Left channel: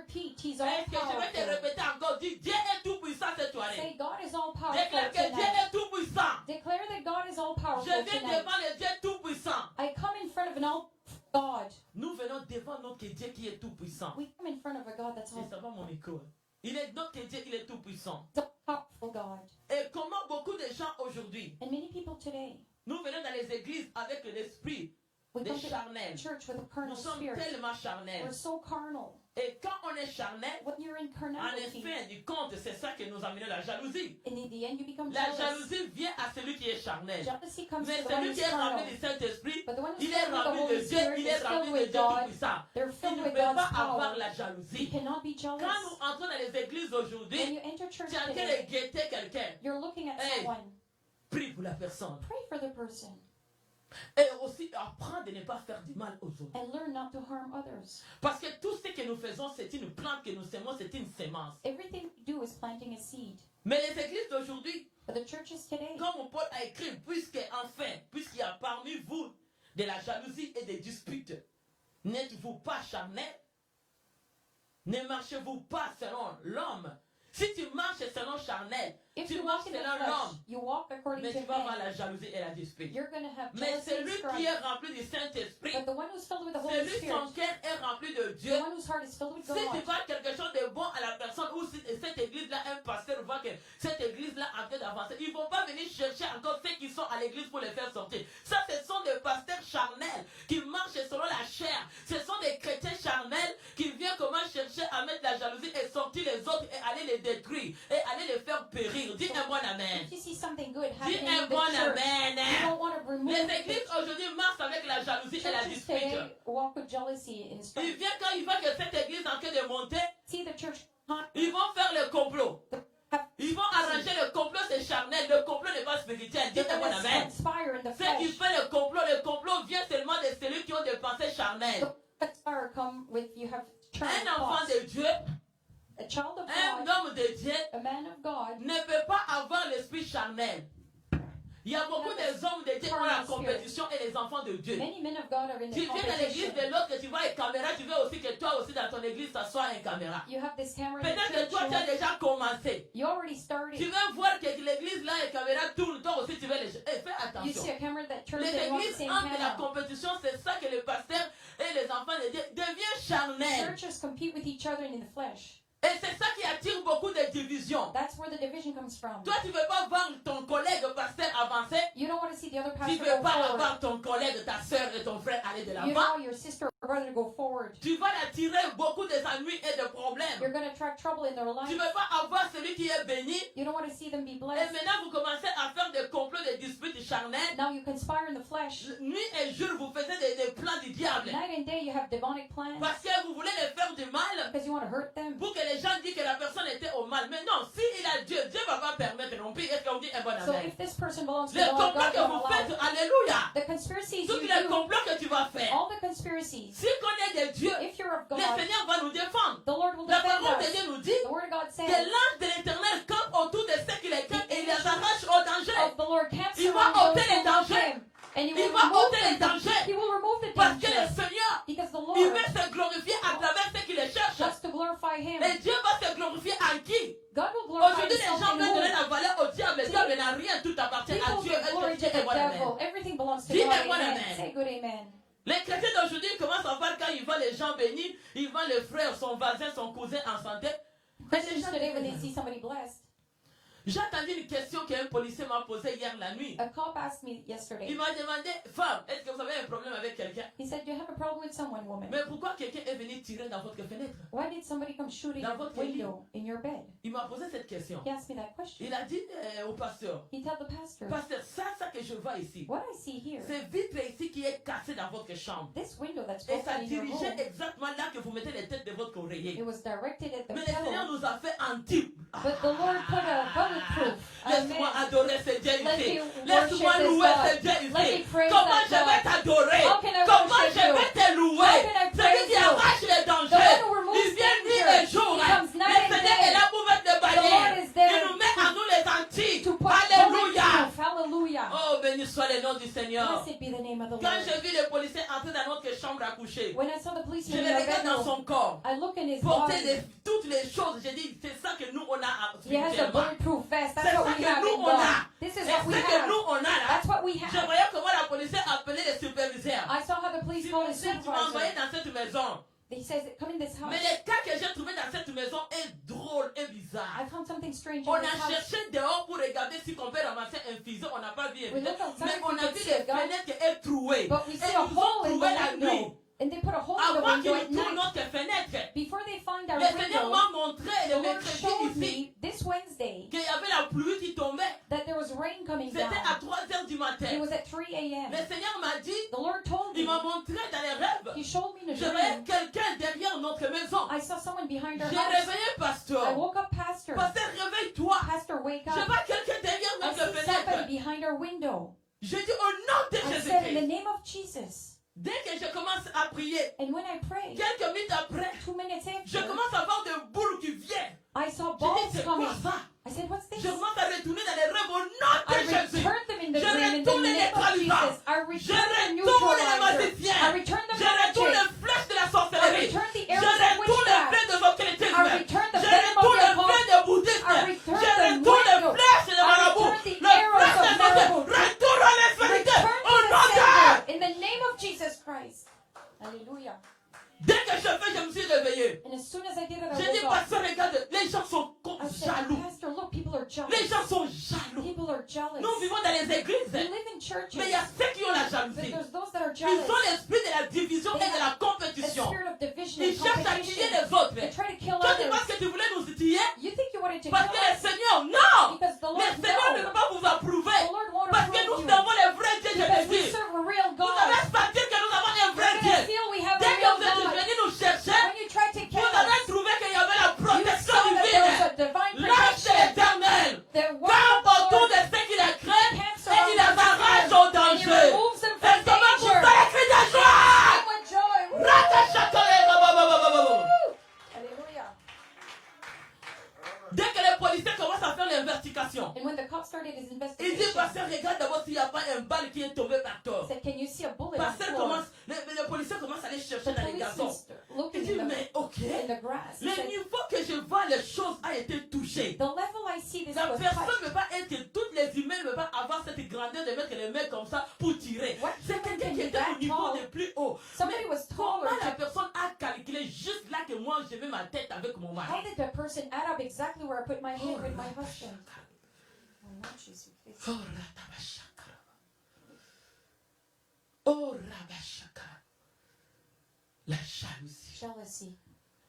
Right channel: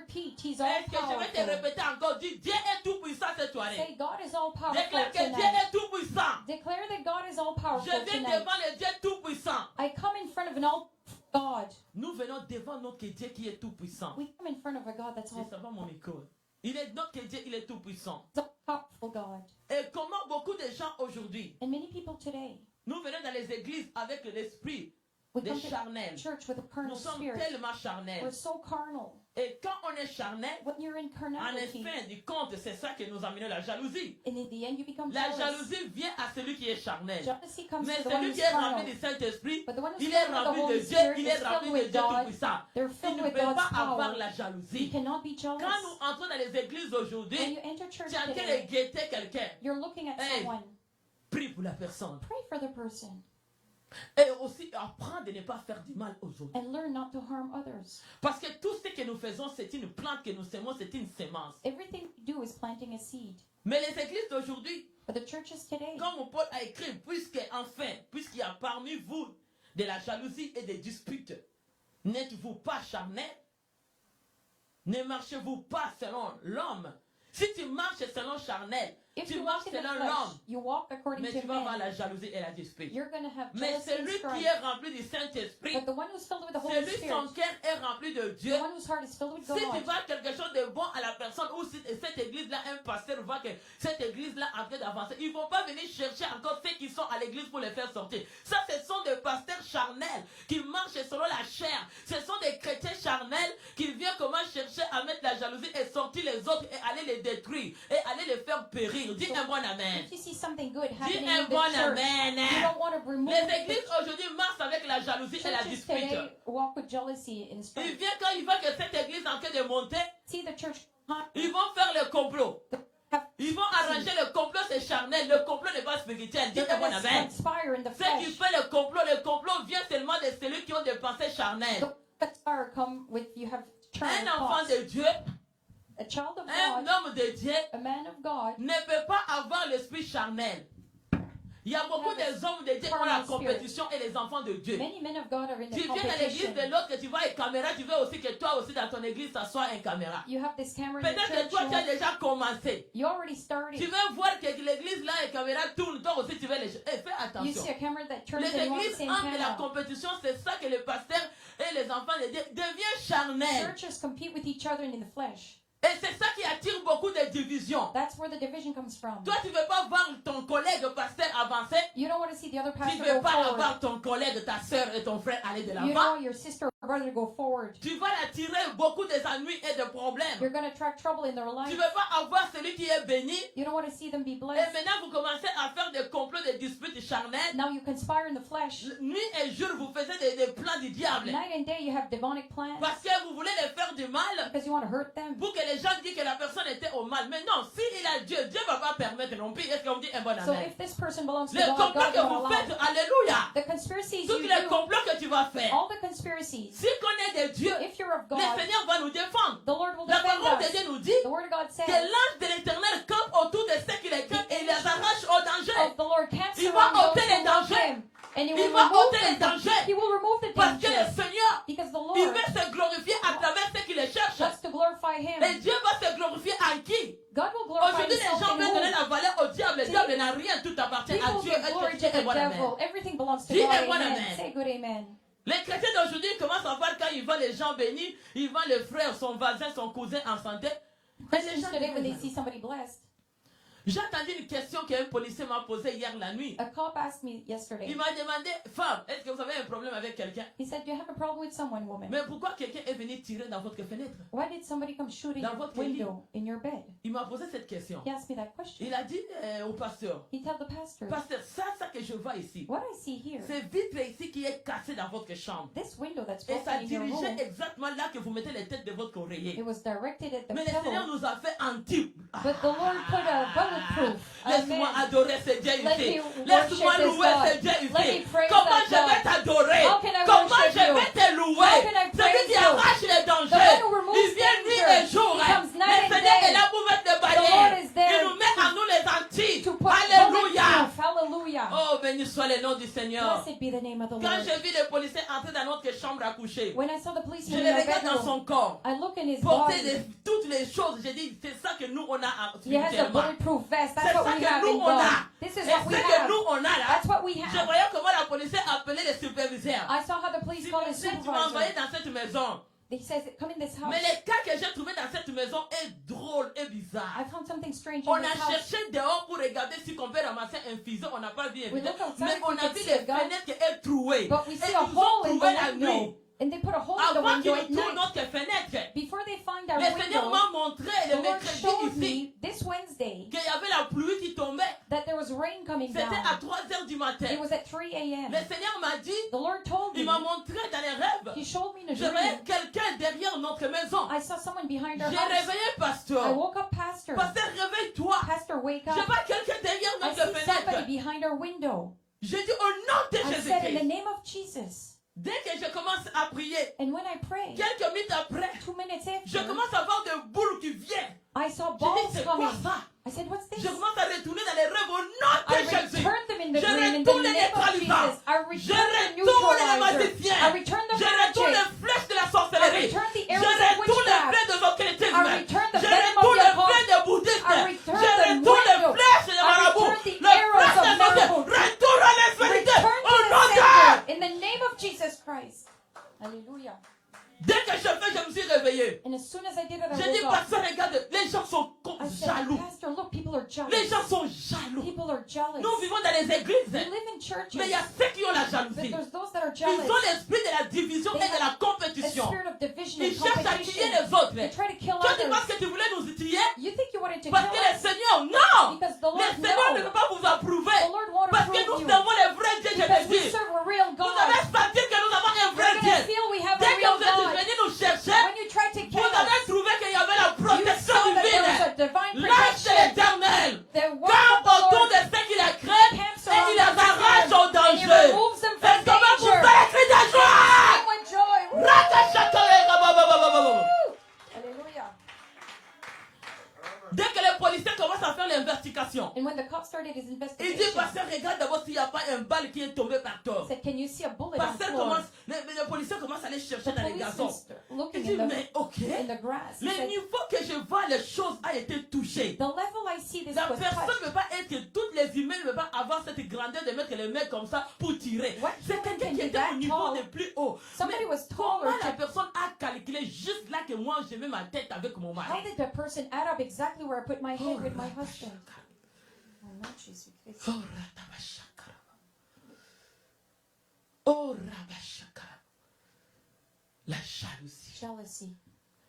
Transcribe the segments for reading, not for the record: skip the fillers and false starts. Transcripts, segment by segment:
repeat, He's all Est-ce que je vais te powerful. répéter encore? Dis, Dieu est tout puissant cette soirée. Say, God is all powerful Déclare que Dieu tonight. est tout puissant. Declare that God is all Je powerful viens tonight. devant le Dieu tout puissant. I come in front of an all God. Nous venons devant notre Dieu qui est tout puissant. We come in front of a God that's all Ça va mon école. Il est notre Dieu, il est tout puissant. powerful God. Et comment beaucoup de gens aujourd'hui, And many people today, nous venons dans les églises avec l'esprit we des come to charnels. church with a Nous carnal sommes spirit. tellement We're charnels. so carnal. Et quand on est charnel, When you're in en carnality, fin du compte, c'est ça qui nous a amené la jalousie. and in the end you become La jealous. jalousie vient à celui qui est charnel. Jealousy comes Mais to the one celui who's qui est carnal. rempli du Saint-Esprit, But the one who's il est filled with the rempli de Holy Dieu, Spirit il is est filled rempli de with Dieu God. tout-puissant. They're Il filled ne with peut God's pas avoir power. la You jalousie. cannot be Quand jealous. nous entrons dans les églises aujourd'hui, When you enter church tu es en train de today, guetter quelqu'un. you're looking at Hey. someone. Prie pour la personne. Pray for the person Et aussi apprends de ne pas faire du mal aux autres. and learn not to harm others. Parce que tout ce que nous faisons, c'est une plante que nous semons, c'est une sémence. Everything we do is planting a seed. Mais les églises d'aujourd'hui, But the churches today, comme Paul a écrit, puisqu'il y a parmi vous de la jalousie et des disputes, n'êtes-vous pas charnel? Ne marchez-vous pas selon l'homme? Si tu marches selon charnel, if tu you marches walk in the selon flesh, l'homme, you walk according mais to tu vas avoir man, la jalousie et la dispute. you're going to have Mais jealousy and celui qui strife. est rempli du Saint-Esprit, But the one who's filled with the Holy celui Spirit, son cœur est rempli de Dieu, the one whose heart is filled with si tu God, vois quelque chose de bon à la personne, ou si cette église-là, un pasteur voit que cette église-là est en train d'avancer, ils ne vont pas venir chercher encore ceux qui sont à l'église pour les faire sortir. Ça, ce sont des pasteurs charnels qui marchent selon la chair. Ce sont des chrétiens charnels qui viennent comment chercher à mettre la jalousie et sortir les autres et aller les détruire et aller les faire périr. Dis un bon amen. if you see something good Dis happening un in bon the church, amen. you don't want to remove Les the églises aujourd'hui marchent avec la jalousie et la churches dispute. today walk with jealousy and Ils strife. viennent quand ils voient que cette église est en train de monter, See the church, ils vont faire le complot. Ils vont arranger le complot, c'est charnel. Le complot n'est pas spirituel. Dis they're un bon going to amen. conspire in the Ceux qui flesh. font le complot vient seulement de celui qui ont des pensées charnelles. The conspire come with you have Un turned enfant thoughts. de Dieu, A child of un God, homme de Dieu a man of God, ne peut pas avoir l'esprit charnel. Il y a beaucoup d'hommes de Dieu qui ont la compétition et les enfants de Dieu. many men of God are in Tu the viens dans l'église competition. de l'autre, tu vois une caméra, tu veux aussi que toi aussi dans ton église, ça soit une caméra. You have this camera in the Peut-être que church. toi, tu as déjà commencé. You already Tu started. veux voir que l'église là, une caméra tourne, toi aussi tu veux les... Fais You attention. see a camera that turns Les and you want the églises same entrent dans la camera. compétition, c'est ça que les pasteurs et les enfants de Dieu deviennent charnels. Churches compete with each other in the flesh. Et c'est ça qui attire beaucoup de divisions. That's where the division comes from. Toi, tu ne veux pas voir ton collègue pasteur avancer. You don't want to see the other Tu pastor ne veux go pas forward. avoir ton collègue, ta soeur et ton frère aller de You l'avant. don't want your sister or brother to go forward. Tu vas attirer beaucoup d'ennuis et de problèmes. You're going to attract trouble in their Tu life. ne veux pas avoir celui qui est béni. You don't want to see them be Et blessed. maintenant, vous commencez à faire des complots, des disputes charnelles. Now you conspire in the flesh. Nuit et jour, vous faites des plans du diable. Night and day you have demonic plans Parce que vous voulez les faire du mal. because you want to hurt them. Pour que les gens disent que la personne était au mal. Mais non, si il a Dieu, Dieu ne va pas permettre non plus. Est-ce qu'on dit un bon So amen? if this person belongs to Les God, complots God que won't vous allow faites, it. alléluia. The conspiracies Tous you les do, complots que tu vas faire. all the conspiracies, Si on est de Dieu, if you're of le God, Seigneur va nous défendre. the Lord will La defend parole de us. Dieu nous dit The Word of God que says l'ange de l'Éternel campe autour de ceux qui les craignent et les arrache au danger. of the Lord camps Il around va those ôter les who love dangers. Him, and He Il will va remove ôter les the dangers. He will remove the Parce que le danger Seigneur, because the il Lord veut se glorifier à travers ceux qui le cherchent. wants to glorify Him. Et Dieu va se glorifier en qui? God will glorify Aujourd'hui, les Himself gens in veulent donner whom? la valeur au diable. Le diable n'a rien, tout appartient à People Dieu. give Est-ce glory que to Dieu est the bon, amen? devil. Everything belongs to Dis God. un bon Amen. amen. Say good amen. Les chrétiens d'aujourd'hui commencent à voir quand ils voient les gens bénis, ils voient le frère, son voisin, son cousin en santé. Et les Christians gens today, when they disent, see somebody blessed, j'ai entendu une question qu'un policier m'a posée hier la nuit. a cop asked me yesterday. Il m'a demandé, femme, est-ce que vous avez un problème avec quelqu'un? He said, "Do you have a problem with someone, woman? Mais pourquoi quelqu'un est venu tirer dans votre fenêtre? Why did somebody come shooting Dans a votre window in your bed?" Il m'a posé cette question. He asked me that question. Il a dit au pasteur, He told the pastor, pasteur, ça que je vois ici, "What I see here, c'est vitre ici qui est cassée dans votre chambre. this window that's Et ça broken in your dirigeait room, exactement là que vous mettez les têtes de votre oreiller. it was directed at the Mais le Seigneur pillow, nous a fait anti. but the Lord put a bulletproof." Laisse-moi Amen. adorer ce Dieu Let ici. me Laisse-moi worship this louer God. ce Dieu Let me ici. praise Comment that je vais God. t'adorer? How can I Comment worship je you? vais te louer? How can I Celui praise qui you? arrache les The dangers. one who removes Il vient nuit danger. et jour. He Le comes night and Seigneur day. est là pour mettre des The Lord barrières. is there Il nous met à nous les antilles. to put Alléluia. bulletproof. Hallelujah. Oh, béni soit le nom du Seigneur. Blessed be the name of the Quand Lord. j'ai vu les policiers entrer passer dans notre chambre à coucher, When I saw the je policeman in le my regarde dans bedroom, son corps. I look in his Porter body. toutes les choses. J'ai dit, c'est ça que nous, on a He has a spirituellement. bulletproof vest. C'est That's ça what we que have nous, in on God. a. This Et is ce what we que have. nous, on a là, That's what we je have. voyais comment la police appelait les superviseurs. I saw how the police Si called his tu m'as envoyé supervisor. dans cette maison. He says, come in this house. Mais le cas que j'ai trouvé dans cette maison est drôle et bizarre. I found something strange On in a this house. cherché dehors pour regarder si on peut ramasser un fuseau. On n'a pas vu We évidemment. looked outside Mais if on we a could vu see les a gun, fenêtres est trouées. but we Et see a ils nous ont hole in trouvé la the nuit. window. And they put a hole in the Avant window qu'ils at tournent night. notre fenêtre, Before they find our le Seigneur window, m'a montré the le Lord mercredi showed ici me this Wednesday qu'il y avait la pluie qui tombait. that there was rain coming C'était à down. 3 heures du matin. It was at 3 a.m. Le Seigneur m'a dit, The Lord told il me, m'a montré dans les rêves. He showed me in a Je voyais dream. quelqu'un derrière notre maison. I saw someone behind our J'ai house. réveillé I pasteur. woke up, Pastor. Pasteur, réveille-toi. Pastor, wake Je up. vois quelqu'un derrière I notre see somebody fenêtre. behind our window. J'ai dit au nom de I said, in the Jésus-Christ. name of Jesus. Dès que je commence à prier, And when I prayed, quelques minutes après, 2 minutes je after, commence à voir des boules qui viennent. I saw Je dis, balls c'est quoi coming. ça? I said, what's this? Je commence à retourner dans les rêves au nom de I Jésus. returned them in the Je dream in the retourne les name of neutralisants. Jesus. I Je returned the retourne les neutralizer. magiciens. I returned the Je retourne magic. les flèches de la I sorcellerie. returned the Je arrows of retourne les witchcraft. flèches de occultisme. I returned the Je venom of retourne the les occult. flèches de bouddhisme. I returned Je the retourne les widow. flèches de I marabout. returned the Les arrows flèches of de Dieu. marabout. Retourne à l'inférité. Return Au to nom the de sender in the name of Jesus Christ. Hallelujah. Dès que je me suis réveillé. And as soon as I did it, I J'ai dit, woke up. pasteur, regarde, les gens sont I said, jaloux. Pastor, look, people are jealous. Les gens sont jaloux. People are jealous. Nous vivons dans les églises. We live in churches, Mais il y a ceux qui ont la but jalousie. there's those that are Ils jealous. ont l'esprit de la division et de la The compétition. spirit of division Ils and cherchent à tuer competition. les autres. They try to kill Toi, tu penses others. que tu voulais nous tuer? You think you wanted to Parce que kill le us? Seigneur, non! Because the Le Lord Seigneur ne knows. peut pas vous approuver. The Lord won't Parce que approve nous you. servons le vrai Dieu de Because we Jésus. serve a real Vous avez God. senti que nous avons un vrai We're going to Dieu. feel we have a Dès que real vous êtes God. venus nous chercher, When you try to vous kill avez us, trouvé qu'il y avait la you protection saw that there was divine. a divine L'ange de protection. l'Éternel The word campe of the autour Lord de ceux qui les craignent camps et il around les arrache au them, and He danger. removes them Et from ça va vous danger. faire un cri de joie! Sing with joy. Woo! Hallelujah. Dès que les policiers commencent à faire l'investigation, And when the cop started his il dit, investigation, pasteur, regarde d'abord s'il n'y a pas un balle qui est tombé par terre. he said, can you see a bullet on the Pasteur floor? commence, le policier commence à aller The chercher dans les gazons. police is Il looking dit, in mais ok, the grass. He le said, niveau que je vois, les choses a été touchées. the level I see this La was personne touched. ne peut pas être, toutes les humains ne peuvent pas avoir cette grandeur de mettre les mains comme ça pour tirer. What C'est human quelqu'un can qui be était that au niveau tall? le plus haut. Somebody Mais was comment taller. la personne a calculé juste là que moi je mets ma tête avec mon mari? How did the person add up exactly where I put my head with my husband? Oh, not Jesus. Oh, Ratabashaka. Oh, Rabashaka. La jalousie. Jealousy.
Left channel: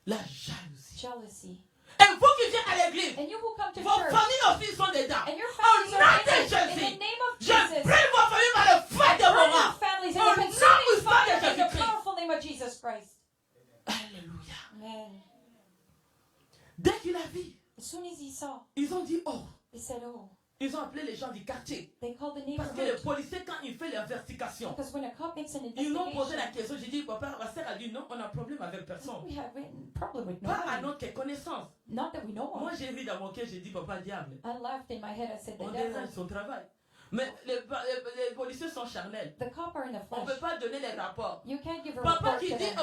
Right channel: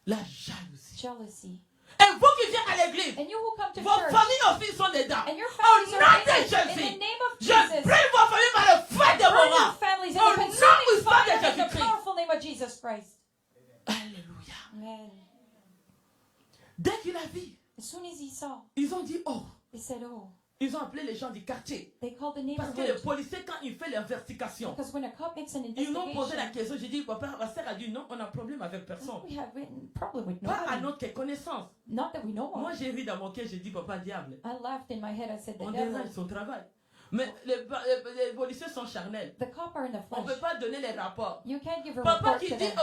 La jalousie. Jealousy. Et vous qui venez à l'église, And you who come to vos church, familles aussi sont dedans. and your Au families nom are de in Jésus, the name of je Jesus. prie vos familles par le feu de Burn vos your rangs. families in Au the nom consuming puissant de fire in the Jésus-Christ. powerful name of Jesus Christ. Alléluia. Amen. Dès qu'il a vu, As soon as he saw, ils ont dit, oh, they said, oh, ils ont appelé les gens du quartier. they called the Parce que le neighborhood. policier, quand il fait l'investigation, Because when a cop makes an ils m'ont posé la investigation, question. J'ai dit, papa, ma soeur a dit, non, on a problème avec personne. we have a problem with Pas à nobody. notre connaissance. Not that we know Moi, of. j'ai ri dans mon cœur, j'ai dit, papa, diable. I laughed in my head. I said, the On devil. dérange son travail. Mais les policiers sont charnels. The cop are in the On ne flesh. peut pas donner les rapports. You can't give a Papa report qui to dit them.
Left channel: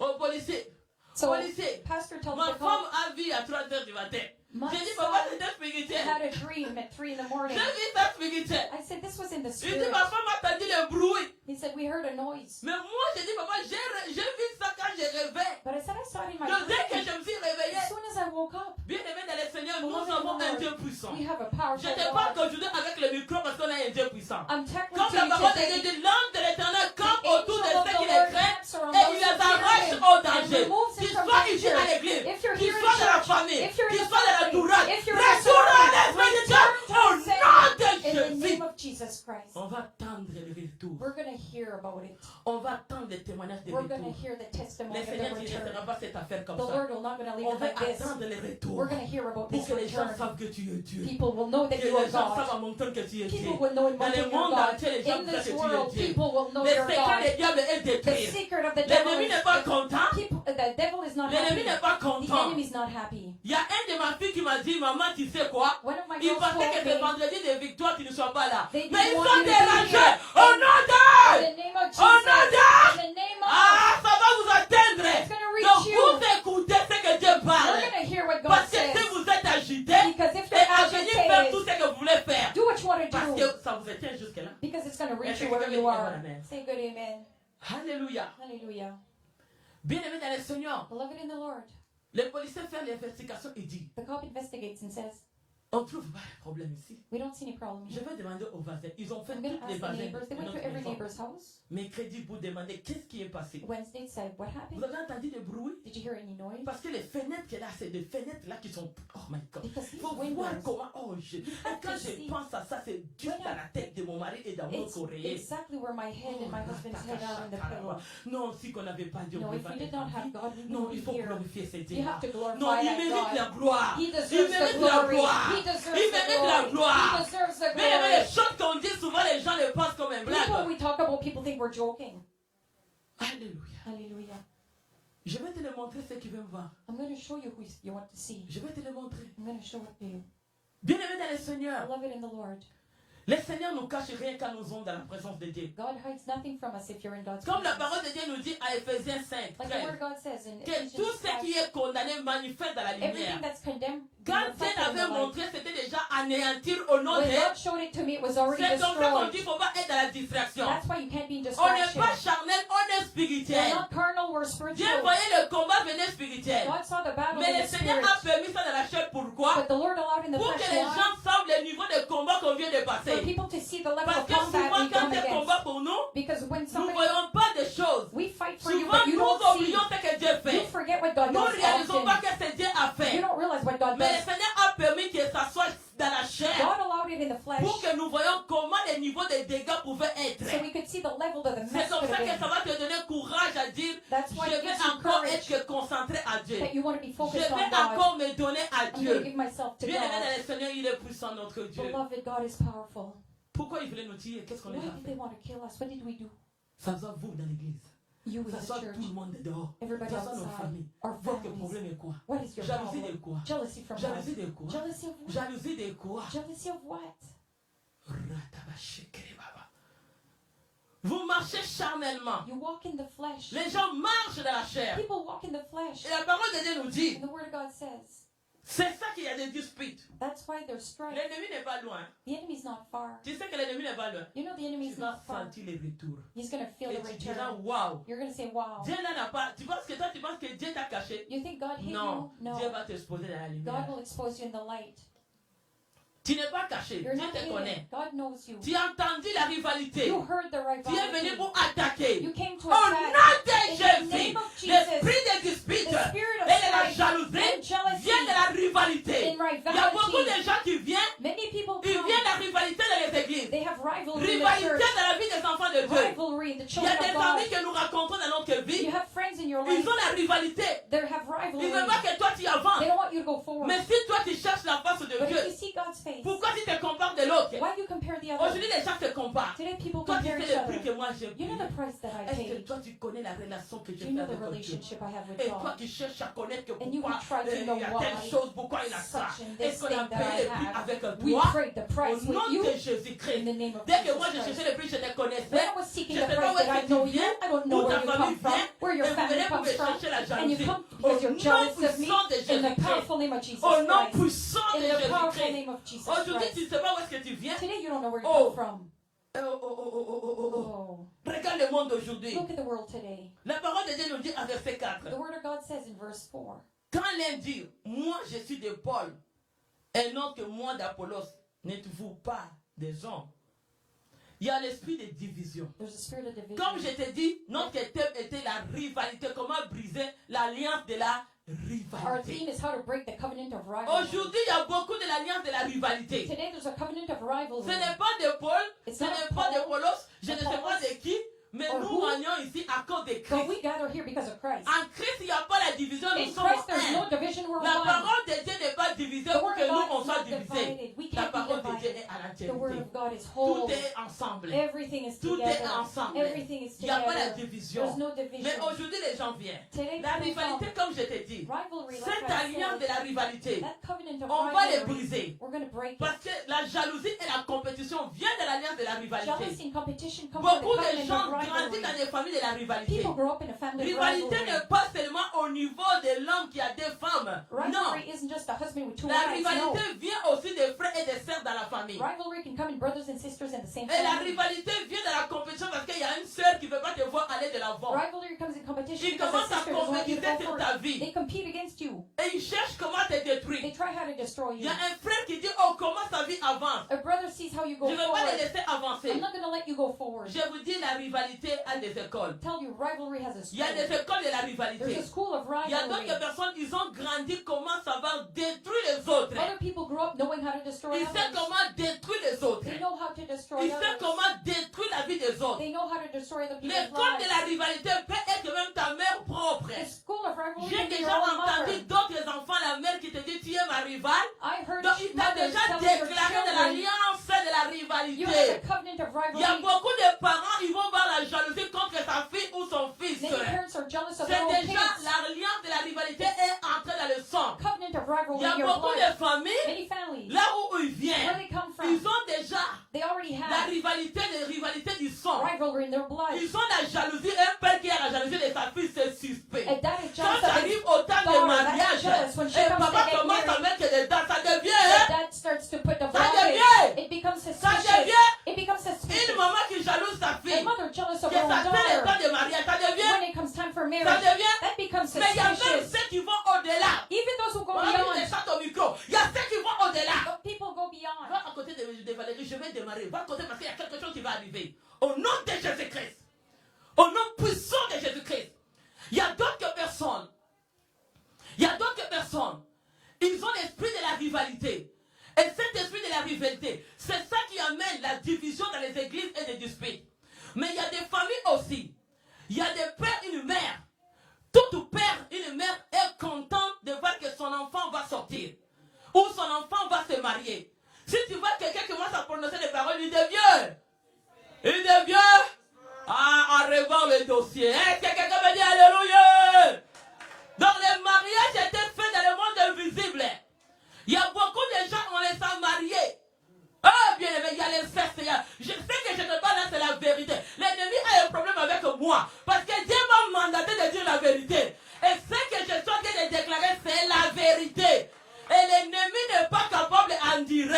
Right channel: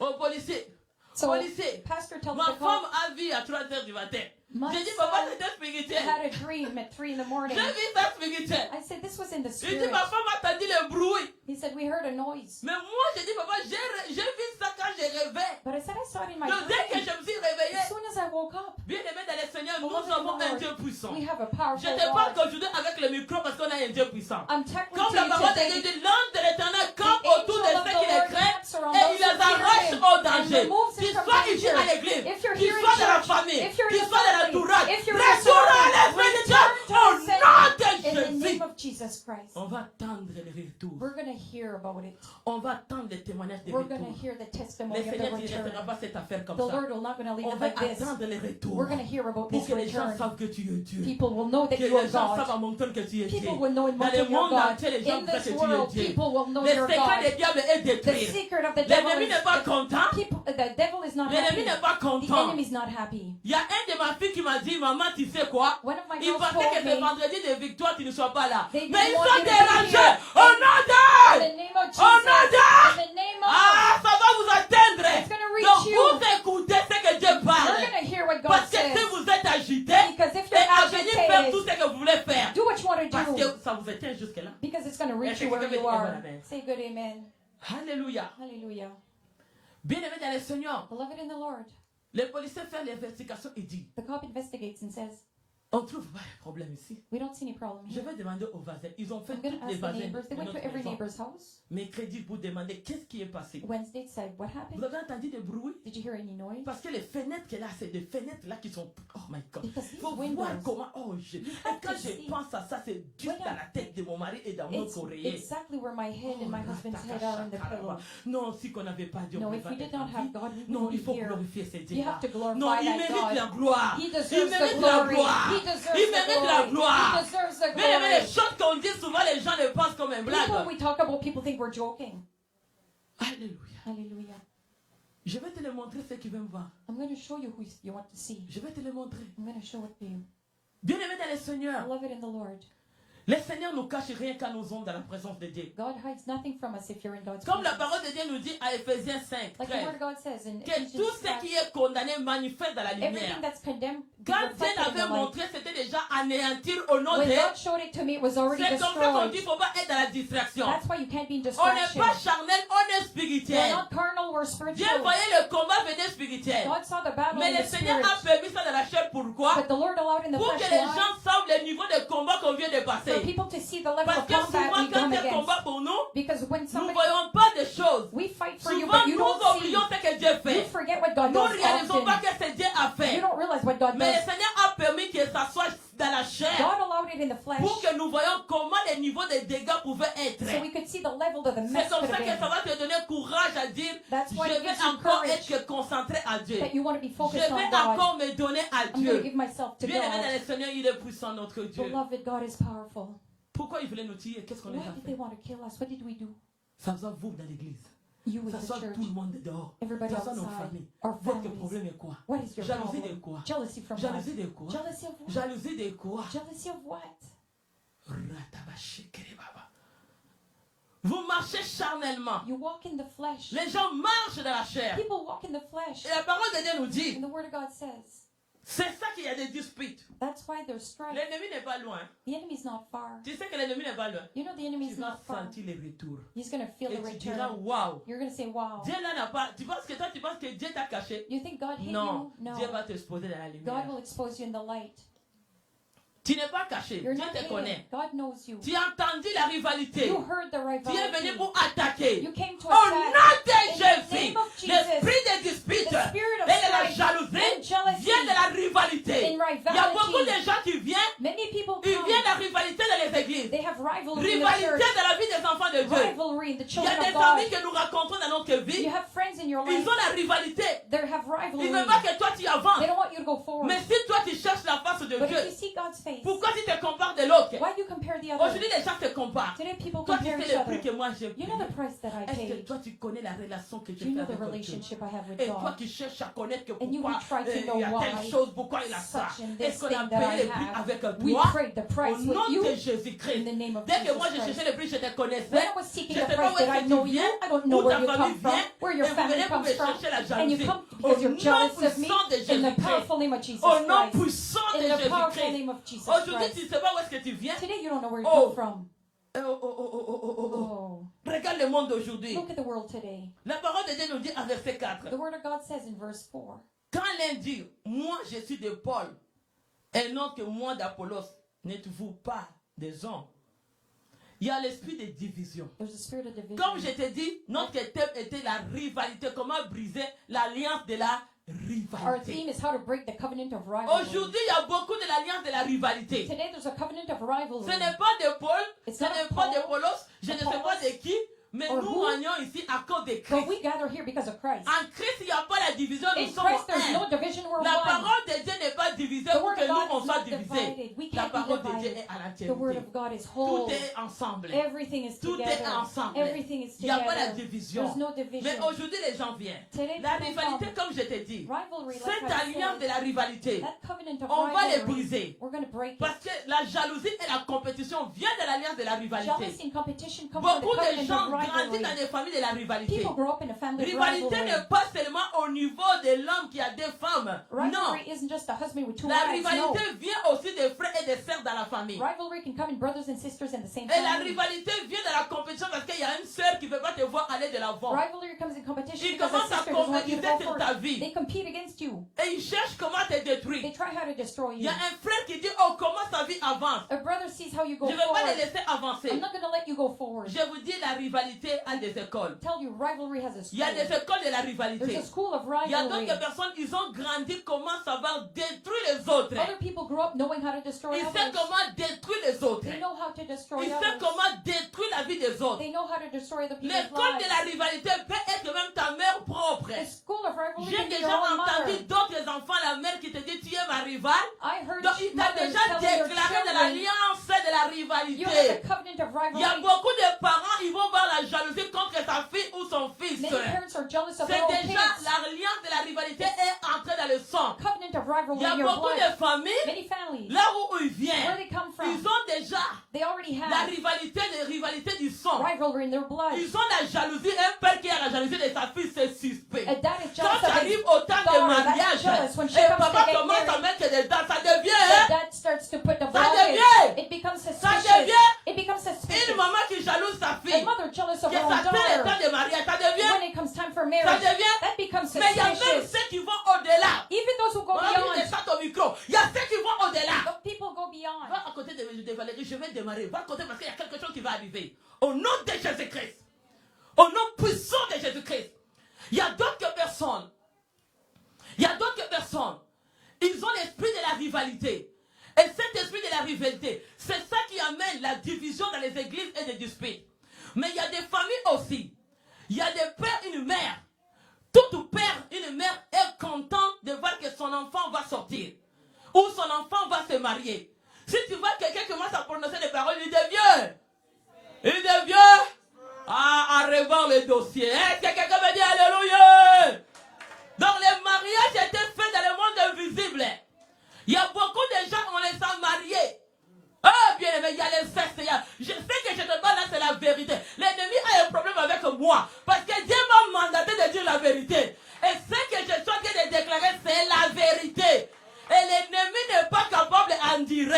au policier, So, policier, pastor tells ma the femme cop, a vu à 3 heures du matin. my J'ai dit, papa, son c'était spirituel. had a dream at 3 in the morning. J'ai vu ça spirituel. I said, this was in the Il dit, spirit. ma femme a entendu le bruit. He said, we heard a noise. Mais moi, j'ai dit, papa, j'ai vu ça quand j'ai rêvé. But I said, I saw it in my Donc, dès que dream. je me suis réveillé, As soon as I woke up, bien aimé dans le Seigneur, nous avons un Dieu puissant. we have a Je powerful ne parle God. qu'aujourd'hui avec le micro parce qu'on a un Dieu puissant. I'm tackling Comme to la you parole de today. Dieu dit, l'ange de l'éternel campe The autour de angel of ceux the qui les Lord craignent camps around et those il les who fear arrache him au and danger. removes them Qu'ils from soient ici danger. à l'église, If you're qu'ils here in soient dans la church, famille, if you're in qu'ils the soient dans family, l'entourage, if you're in the retourne à family, l'esprit de Dieu return to au the Savior nom de in the Jésus. name of Jesus Christ. On va attendre le retour. We're going to hear about it. On va attendre les témoignages de We're going to retour. hear the testimony Le of the Seigneur ne return. laissera pas cette affaire comme The ça. Lord will not going to leave On it va like this. attendre le retour We're going to hear about pour this que les gens return. savent que tu es Dieu. People will know that Que you are les gens savent God. à mon temps que tu es Dieu. People will know in Dans le Mountain you're monde God. entier, les gens In savent que this tu es world, Dieu. people will know Le you're secret God. du diable est The détruit. secret of the devil L'ennemi is n'est pas content. the devil is not L'ennemi happy. n'est pas The content. enemy is not happy. Il y a un de ma fille qui m'a dit, maman, tu sais quoi? One of my Il girls pensait que told c'est me, vendredi de victoire, tu ne sois pas là. They Mais ils didn't want sont you to be dérangés. here. Au nom in de the name of Au nom Jesus, de meet you where you are. Say good amen. Alléluia. Hallelujah. Bien-aimé dans le Seigneur, Beloved in the Lord, les policiers font l'investigation et disent, the cop investigates and says, on ne trouve pas de problème ici. we don't see any problem Je here. vais demander aux voisins. Ils ont fait I'm going toutes to les ask the voisins neighbors. They de went to notre every maison. neighbor's house. Mercredi pour demander qu'est-ce qui est passé. Wednesday said, what Vous happened? avez entendu des bruits? Did you hear any noise? Parce que les fenêtres qu'elle a, c'est des fenêtres là qui sont. Oh my God. Because Il these faut voir windows, comment. Oh, et have quand to je see. pense à ça, c'est juste dans la tête de mon mari et dans mon it's oreiller. exactly where my head and my husband's head are in the pillow. Non, si qu'on n'avait pas Dieu, No, on ne if pouvait we pas did être not en have vie. God, we Non, wouldn't il be faut here. glorifier ce You Dieu. have to Non, glorify il that mérite la God. gloire. He Il deserves the mérite la glory. gloire. He deserves Il the mérite la glory. gloire. He deserves the Mais les glory. choses qu'on dit souvent, les gens les pensent comme un Even when blague. we talk about, people think we're joking. Alléluia. Hallelujah. Je vais te le montrer ceux qui veulent me voir. I'm going to show you who you want to see. Je vais te le montrer. I'm going to show it to you. Bien-aimé dans le Seigneur, Beloved in the Lord, le Seigneur nous cache rien quand nous sommes dans la présence de Dieu. God hides nothing from us if you're in God's Comme la presence. parole de Dieu nous dit à Éphésiens 5, Like the Word of God says in que Ephesians tout ce 5, qui est condamné manifeste dans la lumière. everything that's condemned be Quand Dieu reflected in the l'avait light. montré, c'était déjà anéantir au nom When de... God showed it to me, it was already C'est comme ça qu'on dit destroyed. qu'il ne faut pas être dans la distraction. That's why you can't be in On n'est distraction. pas charnel, on est We're spirituel. not carnal, we're Dieu spiritual. voyait le combat venir spirituel. God saw the battle Mais in le the Seigneur spirit. a permis ça dans la chair. Pourquoi? But the Lord allowed in the Pour que flesh. les Why? gens savent le niveau de combat qu'on vient de For passer. people to see the level Parce of que combat souvent, we quand come il y a against. combat pour nous, Because when nous ne somebody, voyons pas des choses. we fight for you, Souvent, but you nous don't see. oublions ce que Dieu You fait. forget what God Nous ne does réalisons pas often. que c'est Dieu a You fait. don't realize what God Mais le does. Seigneur a permis que ça soit dans la chair God allowed it in the flesh pour que nous voyions comment les niveaux de dégâts pouvaient être. so we could see the level that the C'est mess comme could ça have que ça been. va te donner courage à dire, That's je why it vais gives you encore courage être concentré à Dieu. that you want to be Je focused on vais God. encore me donner à I'm going to Dieu. give myself to Bien aimé dans God. le Seigneur, il est puissant notre Dieu. Beloved, God is powerful. Pourquoi il voulait nous tuer? Qu'est-ce qu'on a Why did they fait? want to kill us? What did we do? Ça soit vous dans l'église. You with Ça the soit church, tout le monde dehors. everybody Ça soit nos outside, familles. our Votre families. problème est quoi? What is your Jalousie de problem? quoi? Jealousy from what? Jalousie de quoi? Jealousy of what? Jalousie de quoi? Jealousy of what? Vous marchez charnellement. You walk in the flesh. Les gens marchent dans la chair. People walk in the flesh. Et la parole de Dieu nous dit, And the Word of God says, c'est ça qu'il y a des disputes. that's why there's strife. L'ennemi n'est pas loin. The enemy's not far. Tu sais que l'ennemi n'est pas loin. You know the Tu enemy's vas not far. sentir les retours. He's going to feel Et the tu diras, return. waouh. You're going to say, wow. Dieu là n'a pas. Tu penses que Dieu t'a caché? You think God hid Non. you? No. Dieu va t'exposer dans la God lumière. will expose you in the light. Tu n'es pas caché. You're Dieu not te hidden. connaît. God knows you. Tu as entendu la rivalité. You heard the Tu es venu rivalry. pour attaquer. You came to Au nom attack. de In the Jésus, name of Jesus, l'esprit des disputes the spirit of et de la strife jalousie and jealousy vient de la rivalité. in Il y a beaucoup de rivalry. gens qui viennent, Many people ils come. viennent la rivalité dans les églises. They have rivalry in the Rivalité church. dans la vie des enfants de Dieu. Rivalry in the Il y children a of des God. amis que nous rencontrons dans notre vie. You have friends in your Ils life. ont la rivalité. They have Ils ne rivalry. veulent pas que toi tu They avances. don't want you to go forward. Mais si toi tu cherches la face de But Dieu, if you see God's face, pourquoi tu te compares de l'autre? why do you compare the other? Aujourd'hui les gens se comparent. Today people Toi tu compare sais each le prix other. que moi j'ai You know payé. the price that I Est-ce que paid. toi tu connais la relation que Do j'ai you fait know the avec Dieu? relationship I have with Et toi God? qui cherches à connaître que And you pourquoi try to know il y a telle why chose, pourquoi il a ça. such and Est-ce this qu'on a thing that payé I le prix have. avec We toi? prayed the Au price with nom you de in Jésus-Christ. the name of Dès que Jesus moi je Christ. cherchais le prix, je te connaissais. When I was Je seeking ne the sais pas price, où did I est-ce know que tu you? viens, I don't know où where ta you famille come from, vient, where et your vous family venez pour comes me from, chercher la and you jalousie. come Au because you're nom jealous of me. puissant de In the Jésus-Christ. powerful name of Jesus Au nom Christ. puissant de In the powerful Jésus-Christ. name of Jesus Aujourd'hui, Christ. tu ne sais pas où est-ce que tu viens. Today you don't know where you Oh. come from. Oh, Regarde le monde d'aujourd'hui. look at the world today. La parole de Dieu nous dit en verset 4. The Word of God says in verse 4, Quand l'un dit, moi je suis de Paul, et non que moi d'Apollos, n'êtes-vous pas des hommes? Il y a l'esprit de division. there's a spirit of division. Comme je t'ai dit, notre thème était la rivalité. Comment briser l'alliance de la Our rivalité. theme is how to break the covenant of rivalry. Aujourd'hui, il y a beaucoup de l'alliance de la rivalité. Today there's a covenant of Ce rivalry. n'est pas de Paul, It's ce not n'est pas de Paul, Apollos, je ne sais pas Apollos, de qui, mais or nous who. réunions ici à cause de But Christ. we gather here because of Christ. En Christ, il n'y a pas la division, nous In sommes Christ there's un. no division, we're La one. parole de Dieu n'est pas divisée The pour Word que of nous God on is soit not divisés. divided. We La can't be parole de Dieu divided. est à The Word l'entièreté. of God is Tout whole. est ensemble. Everything is Tout est together. ensemble. Everything is Il n'y a pas la together. division. There's no Mais division. aujourd'hui, les gens viennent. Today La people rivalité, come. comme je t'ai dit, Rivalry, like cette I alliance de said, la rivalité, that covenant of on va les rivalry, briser. we're going to break it. Parce que la jalousie et la compétition viennent de l'alliance de la rivalité. Jealousy and competition come from the Beaucoup de covenant gens of grandissent rivalry. dans des familles de la rivalité. People grow up in a family of Rivalité rivalry. n'est pas seulement au niveau de l'homme qui a des femmes. femmes. Non. Rivalry isn't just a husband with two La wives. No. rivalité vient aussi des frères et des sœurs dans la famille. Rivalry can come in brothers and sisters in the same Et la family. rivalité vient de la compétition parce qu'il y a une sœur qui ne veut pas te voir aller de l'avant. Rivalry comes in competition Ils because a commencent à sister doesn't want you to compétition go sur ta forward. vie. They compete against you. Et ils cherchent comment te détruire. They try how to destroy Il y you. a un frère qui dit, oh, comment sa vie avance. A brother sees how you go Je ne vais pas les forward. laisser avancer. I'm not going to let you go forward. Je vous dis, la rivalité a des écoles. Tell you, rivalry has a Il y a school. des écoles de la There's rivalité. a school of Il y a rivalry. d'autres personnes, ils ont grandi comment savoir détruire les autres. Other people grow up knowing how to destroy Ils savent others. comment détruire les autres. They know how to destroy Ils savent others. comment détruire la vie des autres. They know how to destroy the people's L'école de lives. la rivalité peut être même ta mère propre. The school of rivalry J'ai can be déjà your own entendu mother. d'autres enfants, la mère qui te dit tu es ma rivale. I heard Donc il t'a mothers déjà telling their déclaré de children, l'alliance de la you have rivalité. a covenant of Il y a rivalry. beaucoup de parents, ils vont voir la jalousie contre sa fille ou son fils. Many parents are jealous of C'est their own déjà kids. l'alliance de la rivalité est entrée dans le sang. Covenant of Il rivalry y a in your beaucoup blood. de familles, Many families, là où ils where viennent, they come from, ils ont déjà they already la have rivalité du sang. rivalry in their blood. Ils ont la jalousie, un père qui a la jalousie de sa fille, c'est suspect. A dad is Quand jealous ça of his arrive au temps de daughter, mariage, that's jealous. When she et comes papa to get commence à married, mettre des dents, ça devient the dad starts to put the Ça blockage. devient- It becomes ça suspicious. devient It becomes une suspicious. maman qui jalouse sa A fille. mother jealous of Que her own ça fait le daughter. temps de mariage, ça devient, When it comes time for ça marriage, devient. that becomes Mais il y a même suspicious. ceux qui vont au-delà. Even those who go Voilà, beyond, il descend au micro. Il y a ceux qui vont au-delà. but people go beyond. Va à côté de Valérie, je vais démarrer. Va à côté parce qu'il y a quelque chose qui va arriver. Au nom de Jésus-Christ. Au nom puissant de Jésus-Christ. Il y a d'autres personnes. Il y a d'autres personnes. Ils ont l'esprit de la rivalité. Et cet esprit de la rivalité, c'est ça qui amène la division dans les églises et des disputes. Mais il y a des familles aussi. Il y a des pères et une mère. Tout père et une mère est content de voir que son enfant va sortir. Ou son enfant va se marier. Si tu vois quelqu'un commence à prononcer des paroles, il devient. Il devient. Ah, en rêvant le dossier. Est-ce que quelqu'un me dit Alléluia? Donc les mariages étaient faits dans le monde invisible. Il y a beaucoup de gens, on les a mariés. Ah, bien aimé, il y a l'inceste. Je sais que je ne parle là, c'est la vérité. L'ennemi a un problème avec moi. Parce que Dieu m'a mandaté de dire la vérité. Et ce que je suis en train de déclarer, c'est la vérité. Et l'ennemi n'est pas capable d'en dire.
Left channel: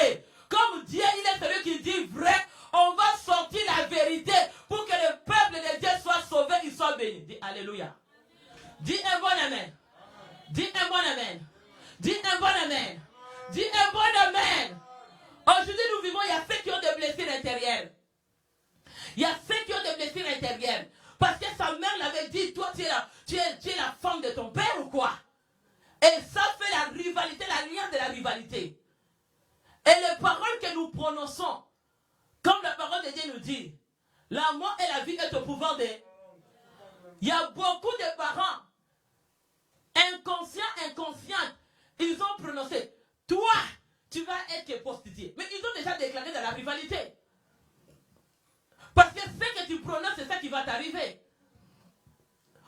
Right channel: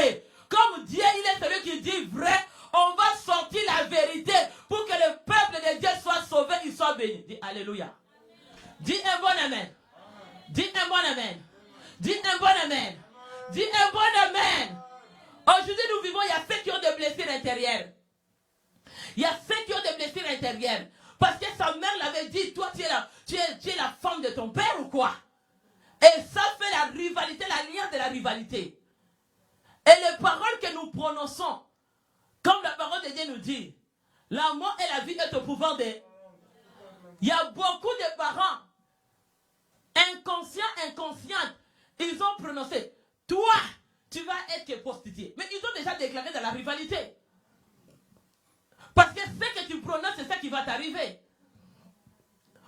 Comme Dieu, il est celui qui dit vrai, on va sortir la vérité pour que le peuple de Dieu soit sauvé, il soit béni. Dis Alléluia. Dis un bon amen. Dis un bon amen. Dis un bon amen. Dis un bon amen. Aujourd'hui, nous vivons, il y a ceux qui ont des blessures intérieures. Il y a ceux qui ont des blessures intérieures. Parce que sa mère l'avait dit, toi, tu es la femme de ton père ou quoi? Et ça fait la rivalité, l'alliance de la rivalité. Et les paroles que nous prononçons, comme la parole de Dieu nous dit, la mort et la vie est au pouvoir de... Il y a beaucoup de parents, inconscients, ils ont prononcé, toi, tu vas être prostituée. Mais ils ont déjà déclaré dans la rivalité. Parce que ce que tu prononces, c'est ça qui va t'arriver.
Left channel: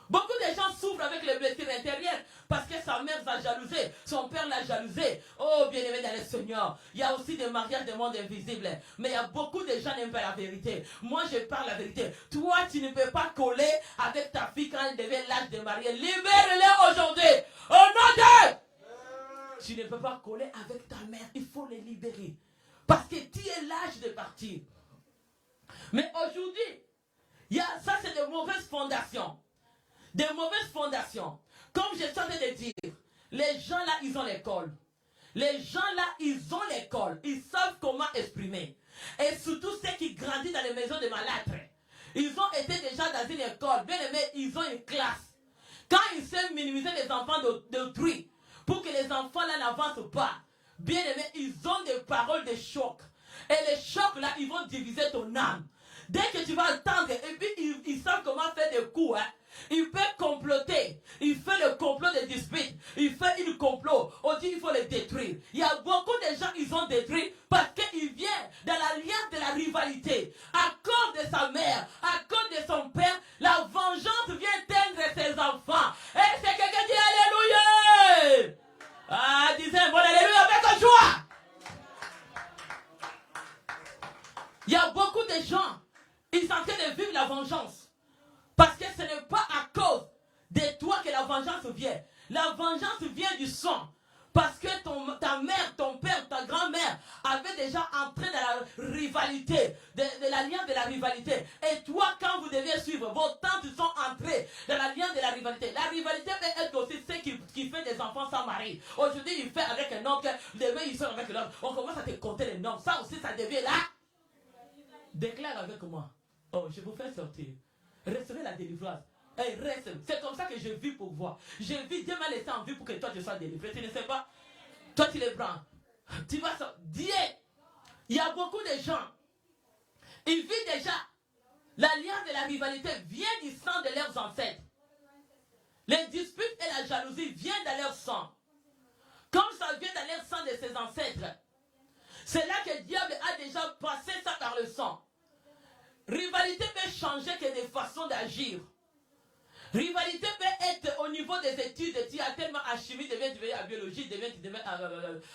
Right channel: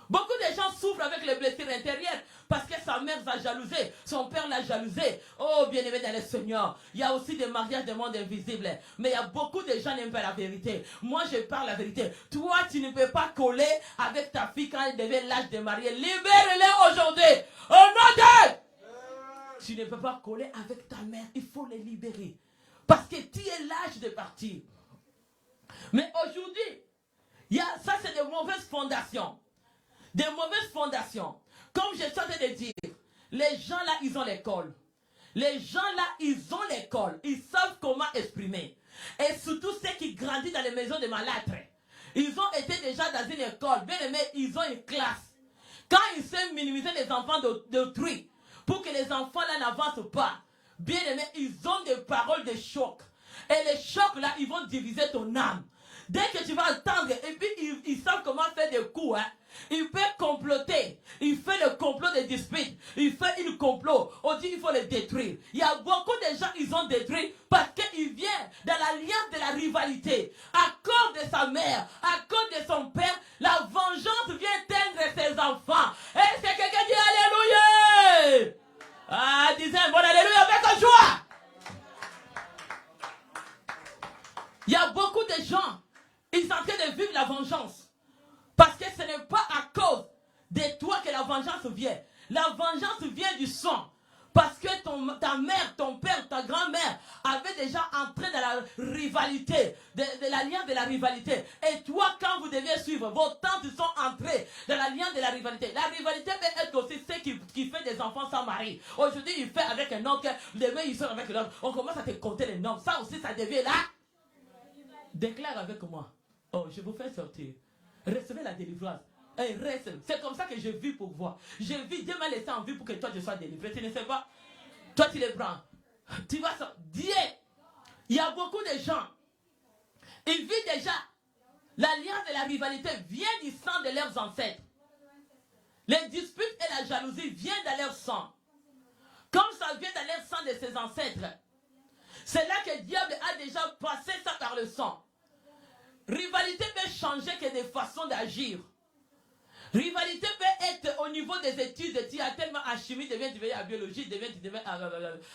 Beaucoup de gens souffrent avec les blessures intérieures parce que sa mère va jalouser, son père l'a jalousé. Oh, bien-aimé dans le Seigneur, il y a aussi des mariages de monde invisible. Mais il y a beaucoup de gens qui n'aiment pas la vérité. Moi, je parle la vérité. Toi, tu ne peux pas coller avec ta fille quand elle devait l'âge de marier. Libère-les aujourd'hui. Au nom de... Tu ne peux pas coller avec ta mère. Il faut les libérer. Parce que tu es l'âge de partir. Mais aujourd'hui, ça c'est de mauvaises fondations. Des mauvaises fondations. Comme je suis en train de dire, les gens là, ils ont l'école. Les gens là, ils ont l'école. Ils savent comment exprimer. Et surtout ceux qui grandissent dans les maisons de malâtres. Ils ont été déjà dans une école. Bien aimé, ils ont une classe. Quand ils savent minimiser les enfants d'autrui, pour que les enfants là n'avancent pas, bien aimé, ils ont des paroles de choc. Et les chocs là, ils vont diviser ton âme. Dès que tu vas attendre, et puis ils savent comment faire des coups. Hein. Il peut comploter. Il fait le complot de dispute. Il fait une complot. On dit qu'il faut les détruire. Il y a beaucoup de gens qui ont détruit parce qu'il vient dans l'alliance de la rivalité. À cause de sa mère, à cause de son père, la vengeance vient teindre ses enfants. Et c'est quelqu'un qui dit Alléluia. Ah, disez un bon Alléluia avec joie. Il y a beaucoup de gens, ils sont en train de vivre la vengeance. Parce que ce n'est pas à cause de toi que la vengeance vient. La vengeance vient du sang. Parce que ta mère, ton père, ta grand-mère avaient déjà entré dans la rivalité, de l'alliance de la rivalité. Et toi, quand vous deviez suivre, vos tantes sont entrées dans l'alliance de la rivalité. La rivalité peut être aussi celle qui fait des enfants sans mari. Aujourd'hui, il fait avec un homme, demain, il sort avec l'homme. On commence à te compter les noms. Ça aussi, ça devient là. Déclare avec moi. Oh, je vous fais sortir. Recevez la délivrance. Et reste. C'est comme ça que je vis pour voir. Je vis, Dieu m'a laissé en vie pour que toi tu sois délivré. Tu ne sais pas? Toi tu les prends. Tu vas sortir. Dieu. Il y a beaucoup de gens. Ils vivent déjà. L'alliance de la rivalité vient du sang de leurs ancêtres. Les disputes et la jalousie viennent dans leur sang. Comme ça vient dans leur sang de ses ancêtres. C'est là que le diable a déjà passé ça par le sang. Rivalité peut changer que des façons d'agir. Rivalité peut être au niveau des études. Tu as tellement en chimie, tu deviens en biologie, tu deviens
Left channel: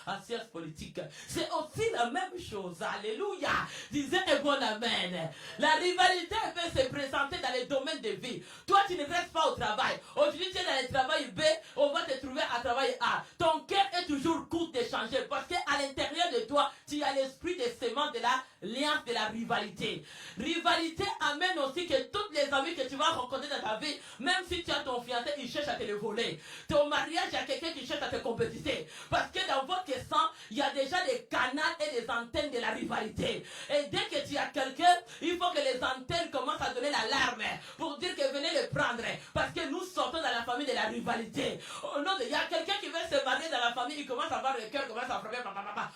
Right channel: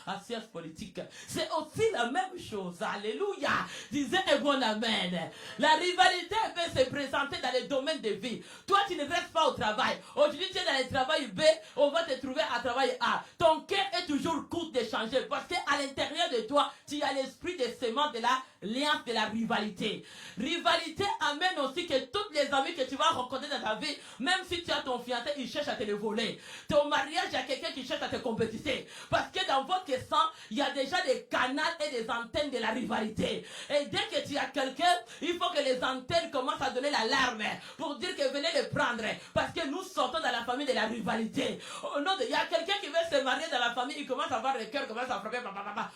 en sciences politiques. C'est aussi la même chose. Alléluia. Disais un bon amen. La rivalité peut se présenter dans les domaines de vie. Toi, tu ne restes pas au travail. Aujourd'hui, tu es dans le travail B, on va te trouver à travail A. Ton cœur est toujours court de changer parce qu'à l'intérieur de toi, tu as l'esprit des séments de l'alliance de la rivalité. Rivalité amène aussi que toutes les amis que tu vas rencontrer dans ta vie, même si tu as ton fiancé, il cherche à te le voler. Ton mariage, il y a quelqu'un qui cherche à te compétiser. Parce que dans votre sang, il y a déjà des canaux et des antennes de la rivalité. Et dès que tu as quelqu'un, il faut que les antennes commencent à donner l'alarme pour dire que venez le prendre. Parce que nous sortons dans la famille de la rivalité. Oh, non, il y a quelqu'un qui veut se marier dans la famille, il commence à avoir le cœur, commence à frapper.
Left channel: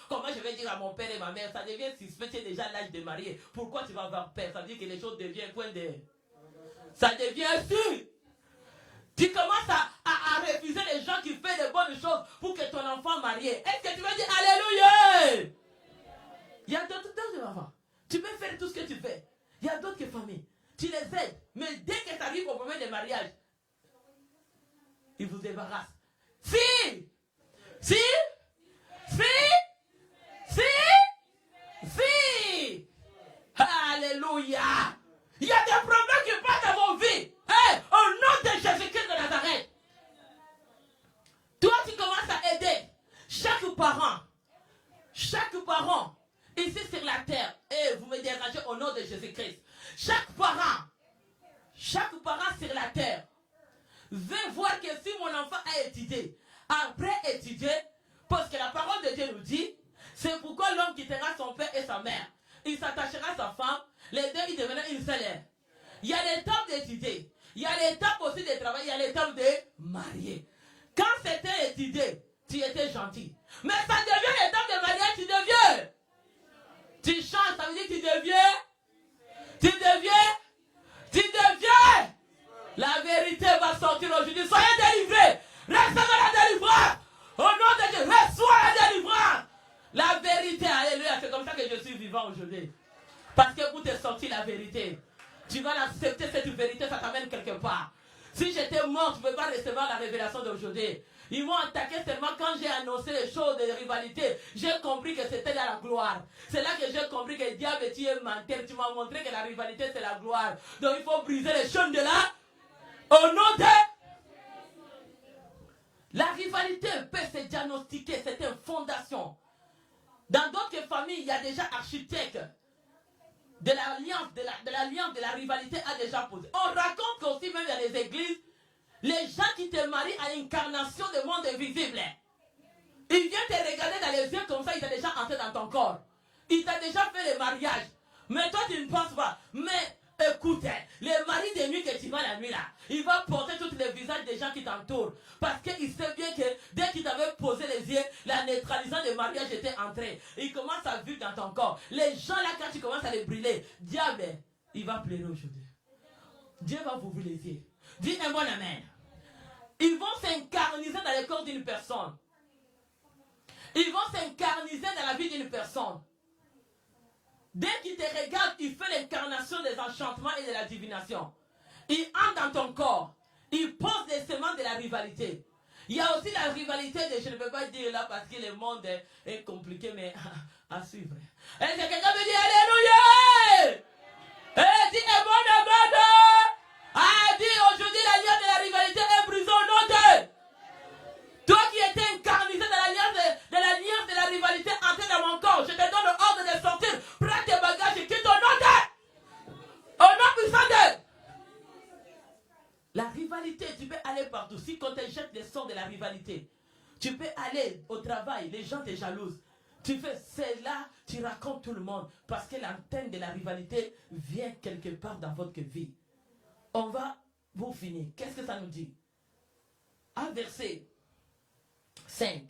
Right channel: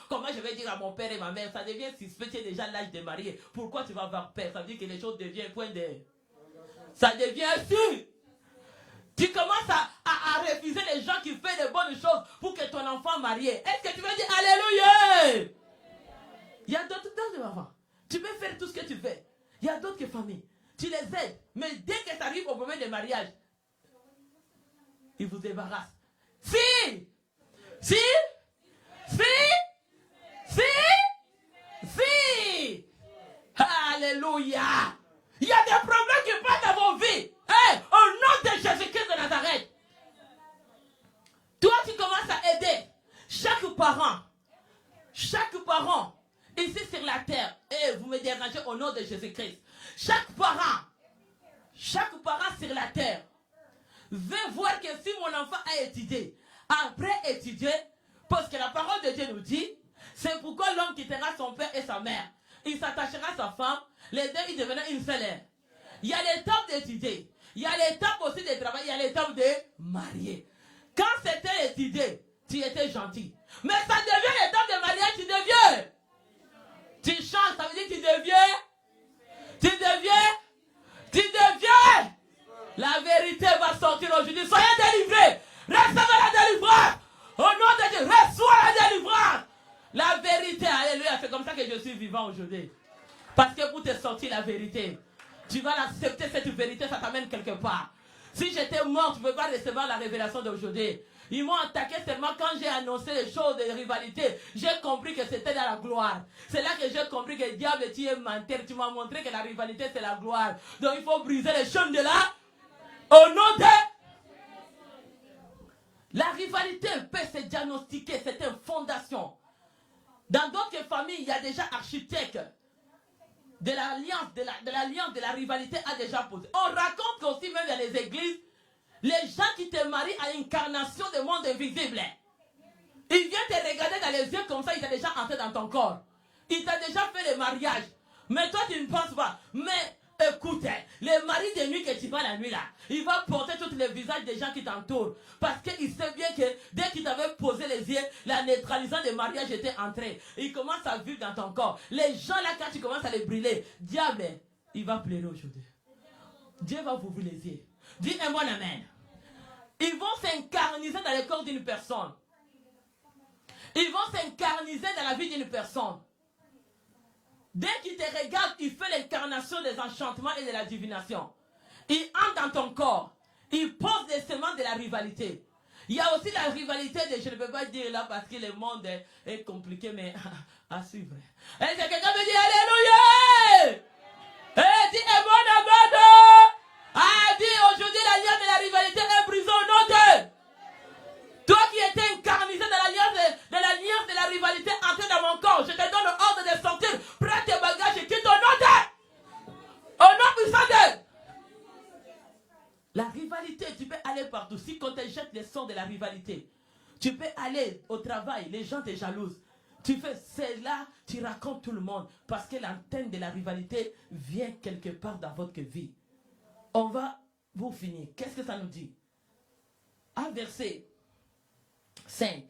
Comment je vais dire à mon père et ma mère? Ça devient suspect, tu es déjà l'âge de marier. Pourquoi tu vas avoir peur? Ça veut dire que les choses deviennent point de... Ça devient sûr. Tu commences à refuser les gens qui font les bonnes choses pour que ton enfant marie. Est-ce que tu vas dire Alléluia? Il y a d'autres enfants. Tu peux faire tout ce que tu fais. Il y a d'autres familles. Tu les aides. Mais dès que tu arrives au moment de mariage, ils vous débarrassent. Si! Alléluia! Il y a des problèmes qui passent dans vos vies. Hey, au nom de Jésus-Christ de Nazareth. Toi, tu commences à aider chaque parent, ici sur la terre. Et vous me dérangez au nom de Jésus-Christ. Chaque parent sur la terre veut voir que si mon enfant a étudié, après étudier, parce que la parole de Dieu nous dit, c'est pourquoi l'homme quittera son père et sa mère. Il s'attachera à sa femme, les deux ils deviendront une seule. Il y a l'étape d'étudier. Il y a l'étape aussi de travailler, il y a l'étape de marier. Quand c'était étudié, tu étais gentil. Mais ça devient l'étape de mariage, tu changes, ça veut dire que tu deviens. La vérité va sortir aujourd'hui. Soyez délivrés. Recevez la délivrance. Au nom de Dieu, reçois la délivrance. La vérité, alléluia. C'est comme ça que je suis vivant aujourd'hui. Parce que pour te sortir la vérité, tu vas accepter cette vérité, ça t'amène quelque part. Si j'étais mort, tu ne peux pas recevoir la révélation d'aujourd'hui. Ils m'ont attaqué seulement quand j'ai annoncé les choses de rivalité. J'ai compris que c'était dans la gloire. C'est là que j'ai compris que le diable, tu es menteur. Tu m'as montré que la rivalité, c'est la gloire. Donc il faut briser les chaînes de là. Au nom de... La rivalité peut se diagnostiquer. C'est une fondation. Dans d'autres familles, il y a déjà architectes. De l'alliance, de la rivalité a déjà posé. On raconte qu'aussi même dans les églises, les gens qui te marient à l'incarnation du monde invisible, ils viennent te regarder dans les yeux comme ça, ils sont déjà entrés dans ton corps. Ils t'ont déjà fait le mariage. Mais toi, tu ne penses pas. Mais écoute, le mari de nuit que tu vas la nuit là, il va porter tout le visage des gens qui t'entourent. Parce qu'il sait bien que dès qu'il t'avait posé les yeux, la neutralisation du mariage était entrée. Il commence à vivre dans ton corps. Les gens là, quand tu commences à les brûler, diable, il va pleurer aujourd'hui. Dieu va vous ouvrir les yeux. Dis un bon amen. Ils vont s'incarniser dans le corps d'une personne. Ils vont s'incarniser dans la vie d'une personne. Dès qu'il te regarde, il fait l'incarnation des enchantements et de la divination. Il entre dans ton corps. Il pose des semences de la rivalité. Il y a aussi la rivalité de, je ne peux pas dire là parce que le monde est compliqué, mais à suivre. Est-ce que quelqu'un me dit Alléluia? Et dis un bon amen. Ah, dis aujourd'hui la lien de la rivalité est brisée au nom de. Toi qui étais Tu peux aller au travail, les gens te jalousent. Tu fais cela, tu racontes tout le monde. Parce que l'antenne de la rivalité vient quelque part dans votre vie. On va vous finir. Qu'est-ce que ça nous dit? À verset 5.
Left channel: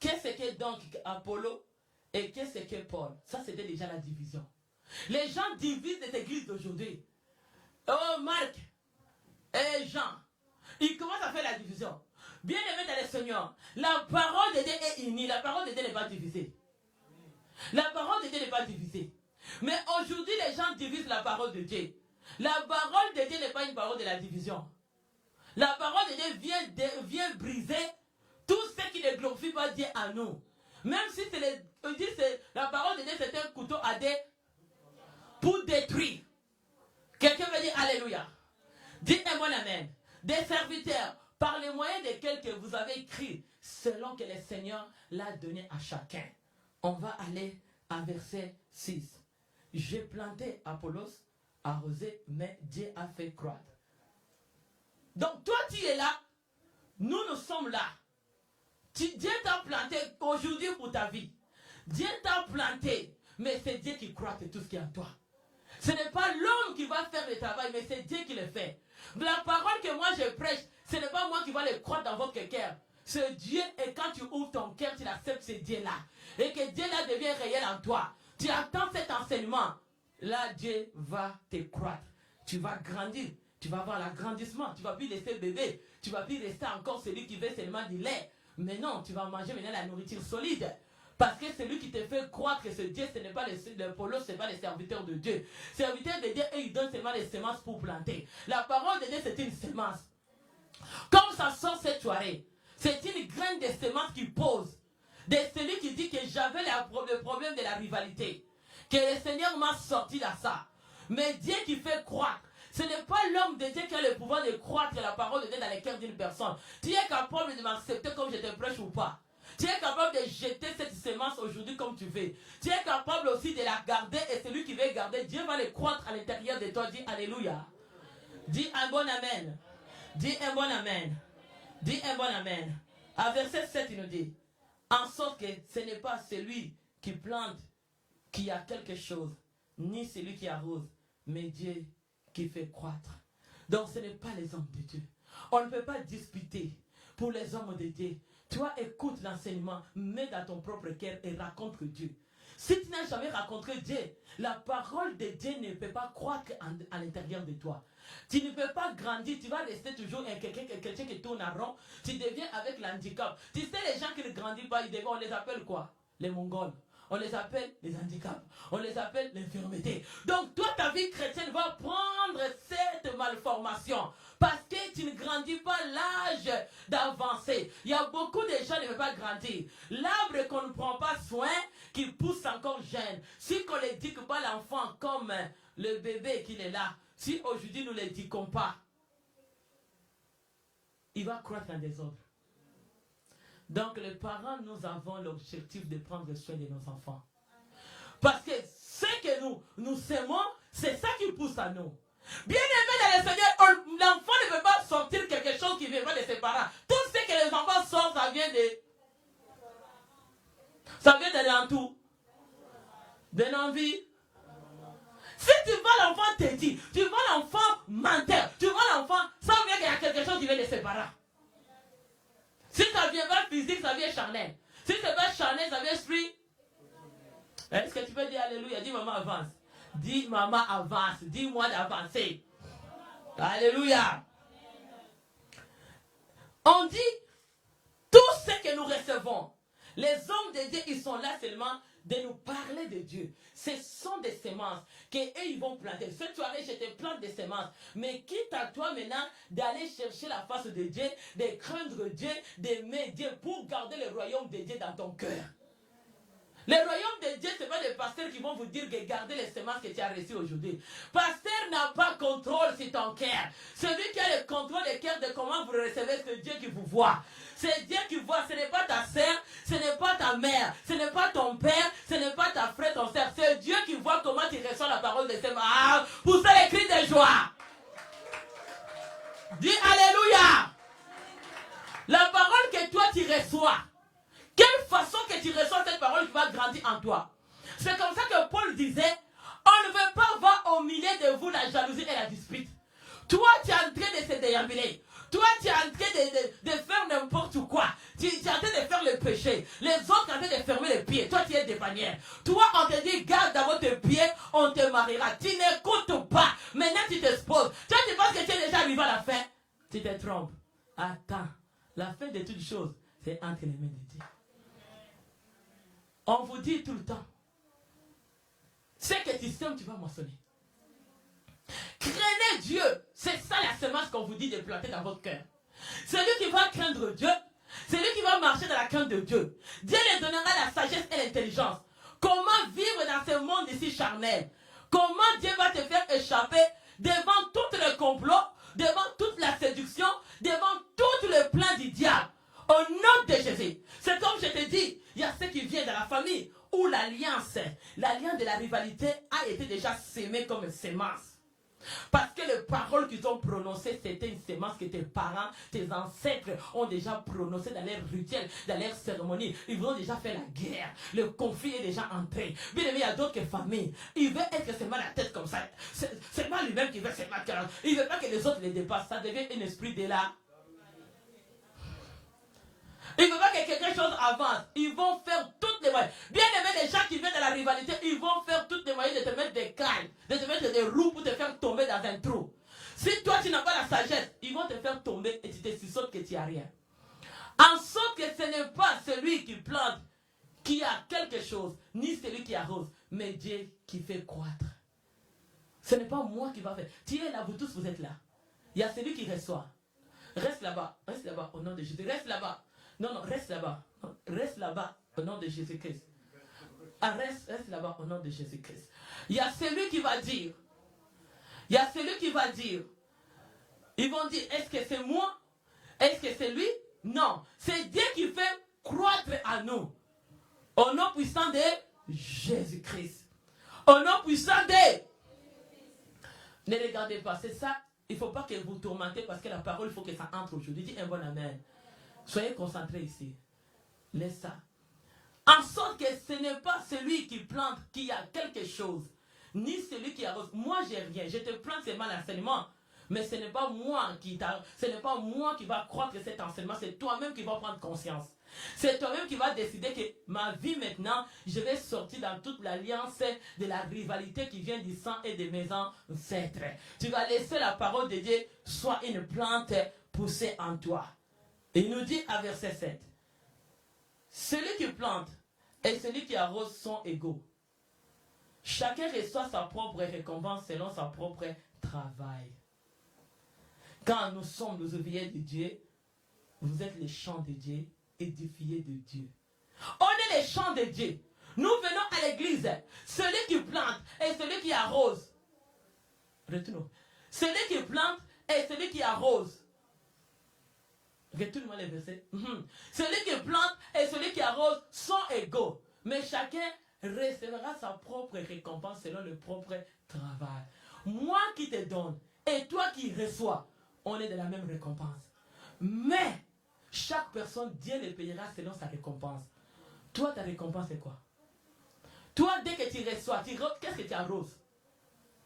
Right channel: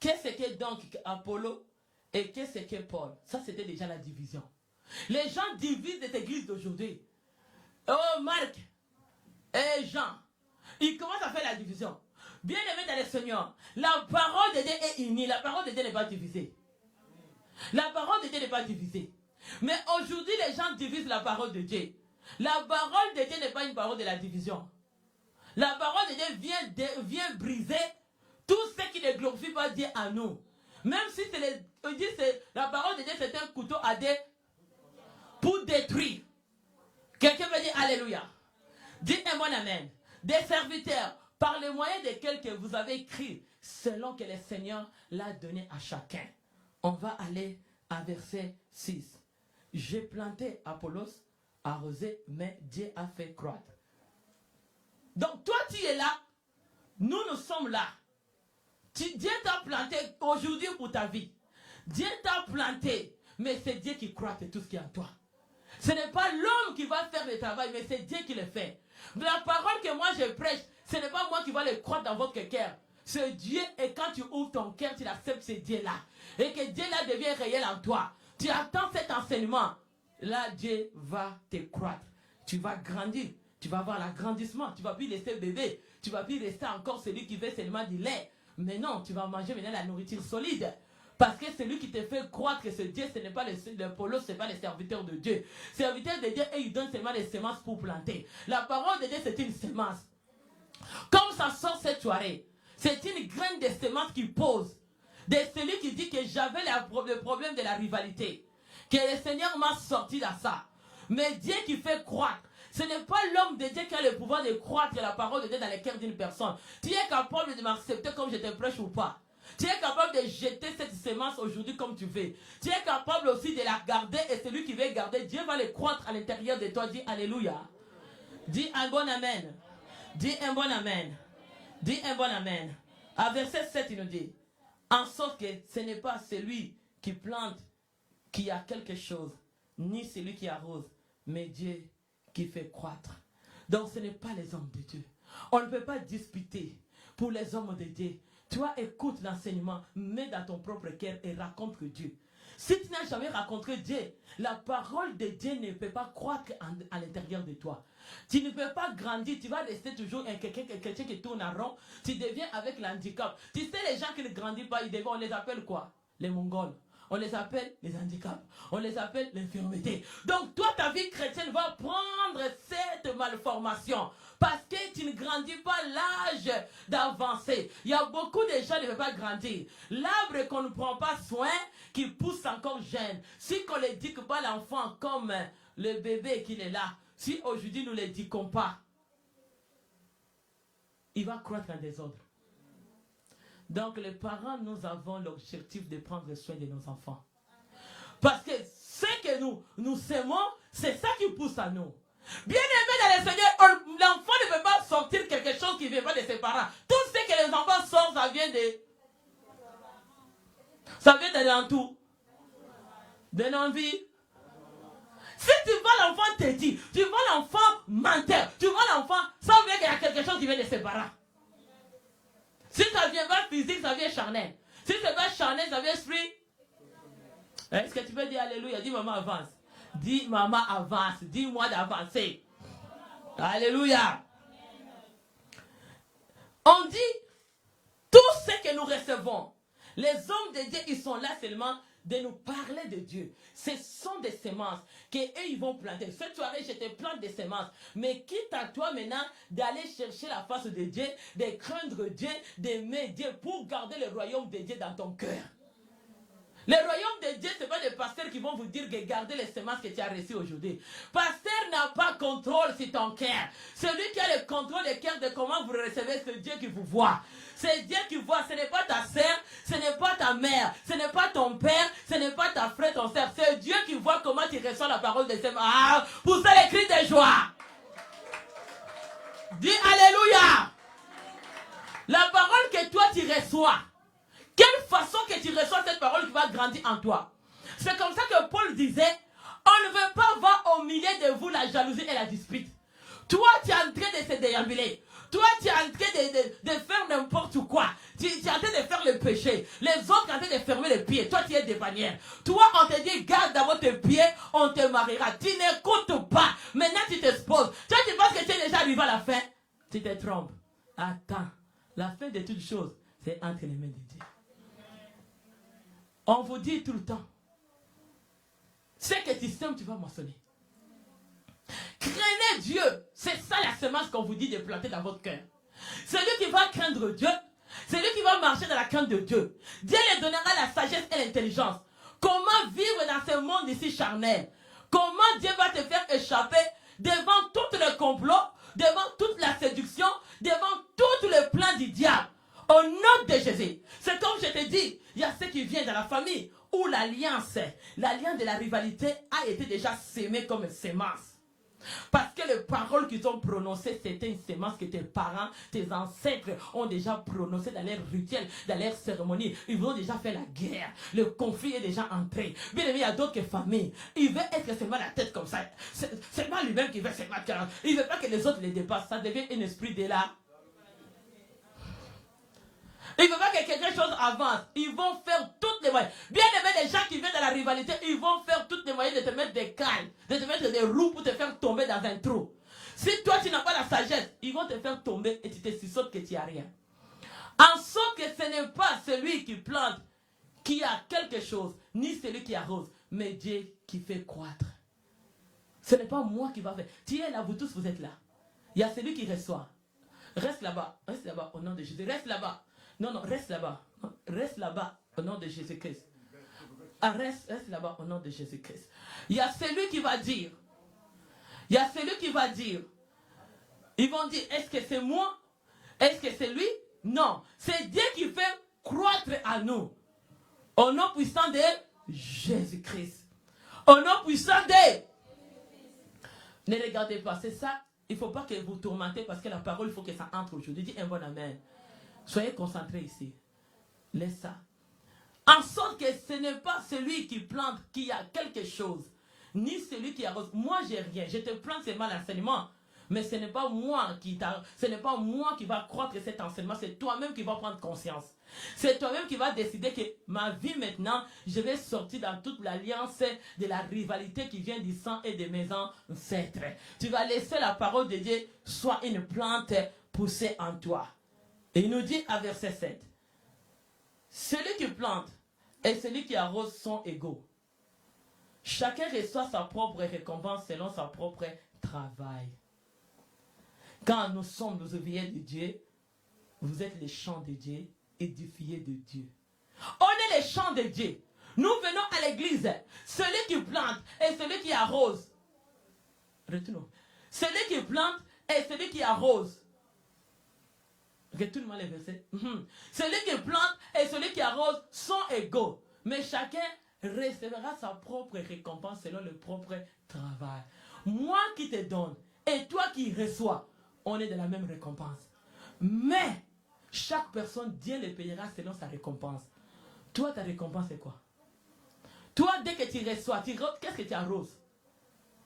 Qu'est-ce que donc Apollo et qu'est-ce que Paul? Ça, c'était déjà la division. Les gens divisent cette église d'aujourd'hui. Oh, Marc et Jean, ils commencent à faire la division. Bien aimé dans le Seigneur, la parole de Dieu est unie. La parole de Dieu n'est pas divisée. La parole de Dieu n'est pas divisée. Mais aujourd'hui, les gens divisent la parole de Dieu. La parole de Dieu n'est pas une parole de la division. La parole de Dieu vient briser tout ce qui ne glorifie pas Dieu à nous. Même si la parole de Dieu, c'est un couteau à dé pour détruire. Quelqu'un veut dire Alléluia. Dites-moi amen. Des serviteurs, par les moyens desquels que vous avez écrit, selon que le Seigneur l'a donné à chacun. On va aller à verset 6. J'ai planté Apollos, arrosé, mais Dieu a fait croître. Donc toi tu es là, nous sommes là. Dieu t'a planté aujourd'hui pour ta vie. Dieu t'a planté, mais c'est Dieu qui croît tout ce qui est en toi. Ce n'est pas l'homme qui va faire le travail, mais c'est Dieu qui le fait. La parole que moi je prêche, ce n'est pas moi qui va le croire dans votre cœur. C'est Dieu, et quand tu ouvres ton cœur, tu l'acceptes ce Dieu-là. Et que Dieu-là devient réel en toi. Tu attends cet enseignement. Là, Dieu va te croître. Tu vas grandir. Tu vas avoir l'agrandissement. Tu ne vas plus rester bébé. Tu ne vas plus rester encore celui qui veut seulement du lait. Mais non, tu vas manger maintenant la nourriture solide. Parce que celui qui te fait croire que c'est Dieu, ce n'est pas le polo, ce n'est pas le serviteur de Dieu. Serviteur de Dieu, et il donne seulement les semences pour planter. La parole de Dieu, c'est une semence. Comme ça sort cette soirée, c'est une graine de semence qui pose. De celui qui dit que j'avais le problème de la rivalité. Que le Seigneur m'a sorti de ça. Mais Dieu qui fait croître. Ce n'est pas l'homme de Dieu qui a le pouvoir de croître la parole de Dieu dans le cœur d'une personne. Tu es capable de m'accepter comme je te prêche ou pas. Tu es capable de jeter cette semence aujourd'hui comme tu veux. Tu es capable aussi de la garder et celui qui veut garder, Dieu va le croître à l'intérieur de toi. Dis Alléluia. Dis un bon Amen. Dis un bon Amen. Dis un bon Amen. À verset 7, il nous dit, en sorte que ce n'est pas celui qui plante qui a quelque chose, ni celui qui arrose, mais Dieu qui fait croître. Donc ce n'est pas les hommes de Dieu. On ne peut pas disputer pour les hommes de Dieu. Toi, écoute l'enseignement, mets dans ton propre cœur et raconte Dieu. Si tu n'as jamais rencontré Dieu, la parole de Dieu ne peut pas croître à l'intérieur de toi. Tu ne peux pas grandir, tu vas rester toujours quelqu'un qui tourne en rond. Tu deviens avec l'handicap. Tu sais, les gens qui ne grandissent pas, on les appelle quoi? Les Mongols. On les appelle les handicaps. On les appelle l'infirmité. Donc, toi, ta vie chrétienne va prendre cette malformation. Parce que tu ne grandis pas l'âge d'avancer. Il y a beaucoup de gens qui ne veulent pas grandir. L'arbre qu'on ne prend pas soin, qui pousse encore jeune. Si on ne l'éduque pas l'enfant comme le bébé qu'il est là, si aujourd'hui nous ne l'éduquons pas, il va croître en désordre. Donc les parents, nous avons l'objectif de prendre soin de nos enfants. Parce que ce que nous semons, c'est ça qui pousse à nous. Bien aimé dans le Seigneur, l'enfant ne veut pas sortir quelque chose qui vient pas de ses parents. Tout ce que les enfants sortent, ça vient de l'entour. De l'envie. Si tu vois l'enfant têtu, tu vois l'enfant menteur, tu vois l'enfant, ça veut dire qu'il y a quelque chose qui vient de ses parents. Si ça ne vient pas physique, ça vient charnel. Si c'est pas charnel, ça vient esprit. Est-ce que tu peux dire Alléluia? Dis maman avance. Dis maman avance. Dis-moi d'avancer. Alléluia. On dit tout ce que nous recevons. Les hommes de Dieu, ils sont là seulement de nous parler de Dieu. Ce sont des semences qu'eux ils vont planter. Cette soirée, je te plante des semences. Mais quitte à toi maintenant d'aller chercher la face de Dieu, de craindre Dieu, d'aimer Dieu pour garder le royaume de Dieu dans ton cœur. Le royaume de Dieu, ce n'est pas les pasteurs qui vont vous dire que gardez les semences que tu as reçues aujourd'hui. Pasteur n'a pas contrôle sur ton cœur. Celui qui a le contrôle du cœur de comment vous recevez, c'est Dieu qui vous voit. C'est Dieu qui voit. Ce n'est pas ta sœur, ce n'est pas ta mère, ce n'est pas ton père, ce n'est pas ta frère, ton sœur. C'est Dieu qui voit comment tu reçois la parole de ses mains. Ah, poussez les cris de joie. Dis Alléluia. La parole que toi tu reçois, quelle façon que tu reçois cette parole qui va grandir en toi. C'est comme ça que Paul disait, on ne veut pas voir au milieu de vous la jalousie et la dispute. Toi, tu es en train de se déambuler. Toi, tu es en train de faire n'importe quoi. Tu es en train de faire le péché. Les autres sont en train de fermer les pieds. Toi, tu es des bannières. Toi, on te dit, garde d'abord tes pieds, on te mariera. Tu n'écoutes pas. Maintenant, tu t'exposes. Toi, tu penses que tu es déjà arrivé à la fin. Tu te trompes. Attends. La fin de toutes choses, c'est entre les mains de Dieu. On vous dit tout le temps, ce que tu sèmes, tu vas moissonner. Craignez Dieu. C'est ça la semence qu'on vous dit de planter dans votre cœur. Celui qui va craindre Dieu, celui qui va marcher dans la crainte de Dieu, Dieu lui donnera la sagesse et l'intelligence. Comment vivre dans ce monde ici charnel? Comment Dieu va te faire échapper devant tout le complot, devant toute la séduction, devant tout le plan du diable? Au nom de Jésus. C'est comme je te dis, il y a ce qui vient de la famille où l'alliance de la rivalité a été déjà sémée comme une sémence. Parce que les paroles qu'ils ont prononcées, c'était une sémence que tes parents, tes ancêtres ont déjà prononcées dans leurs rituels, dans leurs cérémonies. Ils ont déjà fait la guerre. Le conflit est déjà entré. Bien aimé, il y a d'autres familles. Il veut être seulement la tête comme ça. C'est pas lui-même qui veut se battre. Il ne veut pas que les autres les dépassent. Ça devient un esprit de là. Il ne veut pas que quelque chose avance. Ils vont faire toutes les moyens. Bien aimé, les gens qui viennent de la rivalité, ils vont faire toutes les moyens de te mettre des cailles, de te mettre des roues pour te faire tomber dans un trou. Si toi tu n'as pas la sagesse, ils vont te faire tomber et tu te suçotes que tu n'as rien. En sorte que ce n'est pas celui qui plante qui a quelque chose, ni celui qui arrose, mais Dieu qui fait croître. Ce n'est pas moi qui va faire. Tu es là, vous tous vous êtes là. Il y a celui qui reçoit. Reste là-bas au nom de Jésus. Reste là-bas. Non, reste là-bas. Reste là-bas au nom de Jésus-Christ. Ah, reste là-bas au nom de Jésus-Christ. Il y a celui qui va dire. Il y a celui qui va dire. Ils vont dire, est-ce que c'est moi? Est-ce que c'est lui? Non. C'est Dieu qui fait croître à nous. Au nom puissant de Jésus-Christ. Au nom puissant de... Ne regardez pas, c'est ça. Il ne faut pas que vous tourmentez parce que la parole, il faut que ça entre aujourd'hui. Dis un bon amen. Soyez concentrés ici. Laisse ça. En sorte que ce n'est pas celui qui plante qui a quelque chose, ni celui qui arrose. Moi, j'ai rien. Je te plante seulement l'enseignement. Mais ce n'est pas moi qui va croître cet enseignement. C'est toi-même qui vas prendre conscience. C'est toi-même qui vas décider que ma vie maintenant, je vais sortir dans toute l'alliance de la rivalité qui vient du sang et des mes ancêtres. Tu vas laisser la parole de Dieu soit une plante poussée en toi. Et il nous dit à verset 7, celui qui plante et celui qui arrose sont égaux. Chacun reçoit sa propre récompense selon son propre travail. Quand nous sommes les ouvriers de Dieu, vous êtes les champs de Dieu, édifiés de Dieu. On est les champs de Dieu. Nous venons à l'église. Celui qui plante et celui qui arrose. Retournons. Celui qui plante et celui qui arrose. Retourne-moi les versets. Celui qui plante et celui qui arrose sont égaux. Mais chacun recevra sa propre récompense selon le propre travail. Moi qui te donne et toi qui reçois, on est de la même récompense. Mais chaque personne, Dieu le payera selon sa récompense. Toi, ta récompense c'est quoi? Toi, dès que tu reçois, qu'est-ce que tu arroses?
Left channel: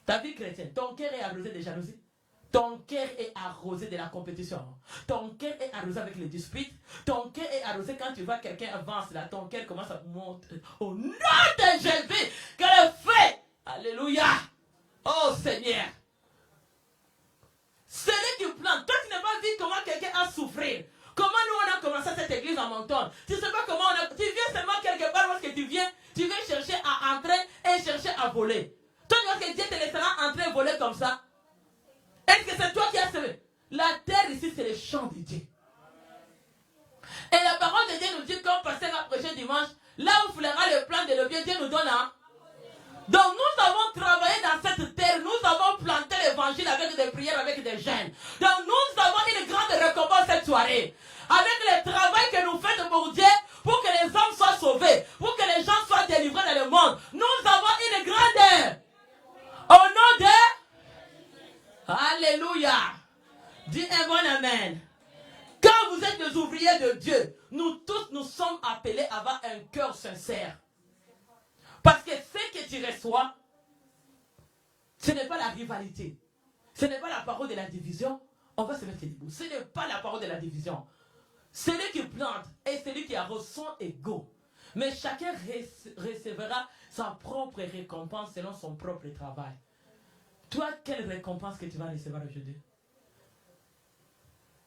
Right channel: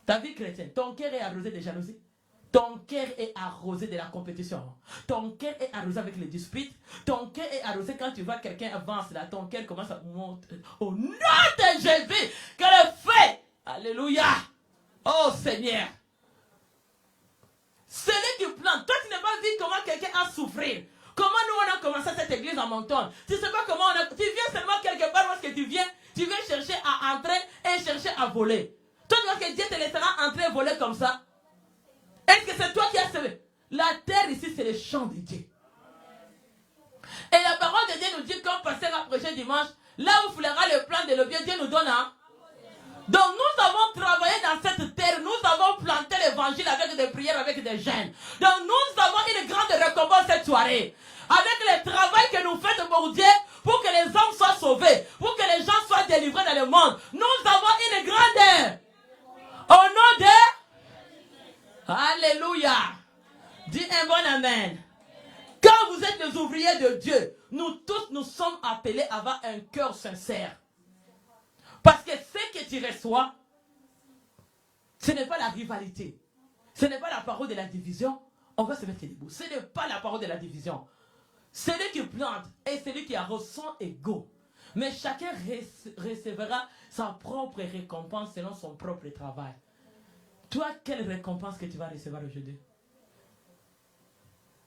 Ta vie chrétienne, ton cœur est arrosé de jalousie. Ton cœur est arrosé de la compétition. Ton cœur est arrosé avec les disputes. Ton cœur est arrosé quand tu vois quelqu'un avance là. Ton cœur commence à monter. Au nom de Jésus, que le feu. Alléluia. Oh Seigneur. Celui qui plante. Toi, tu n'as pas vu comment quelqu'un a souffert. Comment nous on a commencé cette église en montagne. Tu ne sais pas comment on a... Tu viens seulement quelque part parce que tu viens chercher à entrer et chercher à voler. Toi, tu vois que Dieu te laissera entrer et voler comme ça. Est-ce que c'est toi qui as semé? La terre ici, c'est le champ de Dieu. Et la parole de Dieu nous dit, comme pasteur va prêcher dimanche, là où fleura le plan de le bien, Dieu nous donne. Hein? Donc nous avons travaillé dans cette terre, nous avons planté l'évangile avec des prières, avec des jeûnes. Donc nous avons une grande récompense cette soirée. Avec le travail que nous faisons pour Dieu, pour que les hommes soient sauvés, pour que les gens soient délivrés dans le monde. Nous avons une grande... Au nom de... Alléluia. Dis un bon amen. Quand vous êtes les ouvriers de Dieu, nous tous, nous sommes appelés à avoir un cœur sincère. Parce que ce que tu reçois, ce n'est pas la rivalité. Ce n'est pas la parole de la division. On va se mettre debout. Ce n'est pas la parole de la division. Celui qui plante et celui qui arrose sont égaux. Mais chacun recevra sa propre récompense selon son propre travail. Toi, quelle récompense que tu vas recevoir aujourd'hui?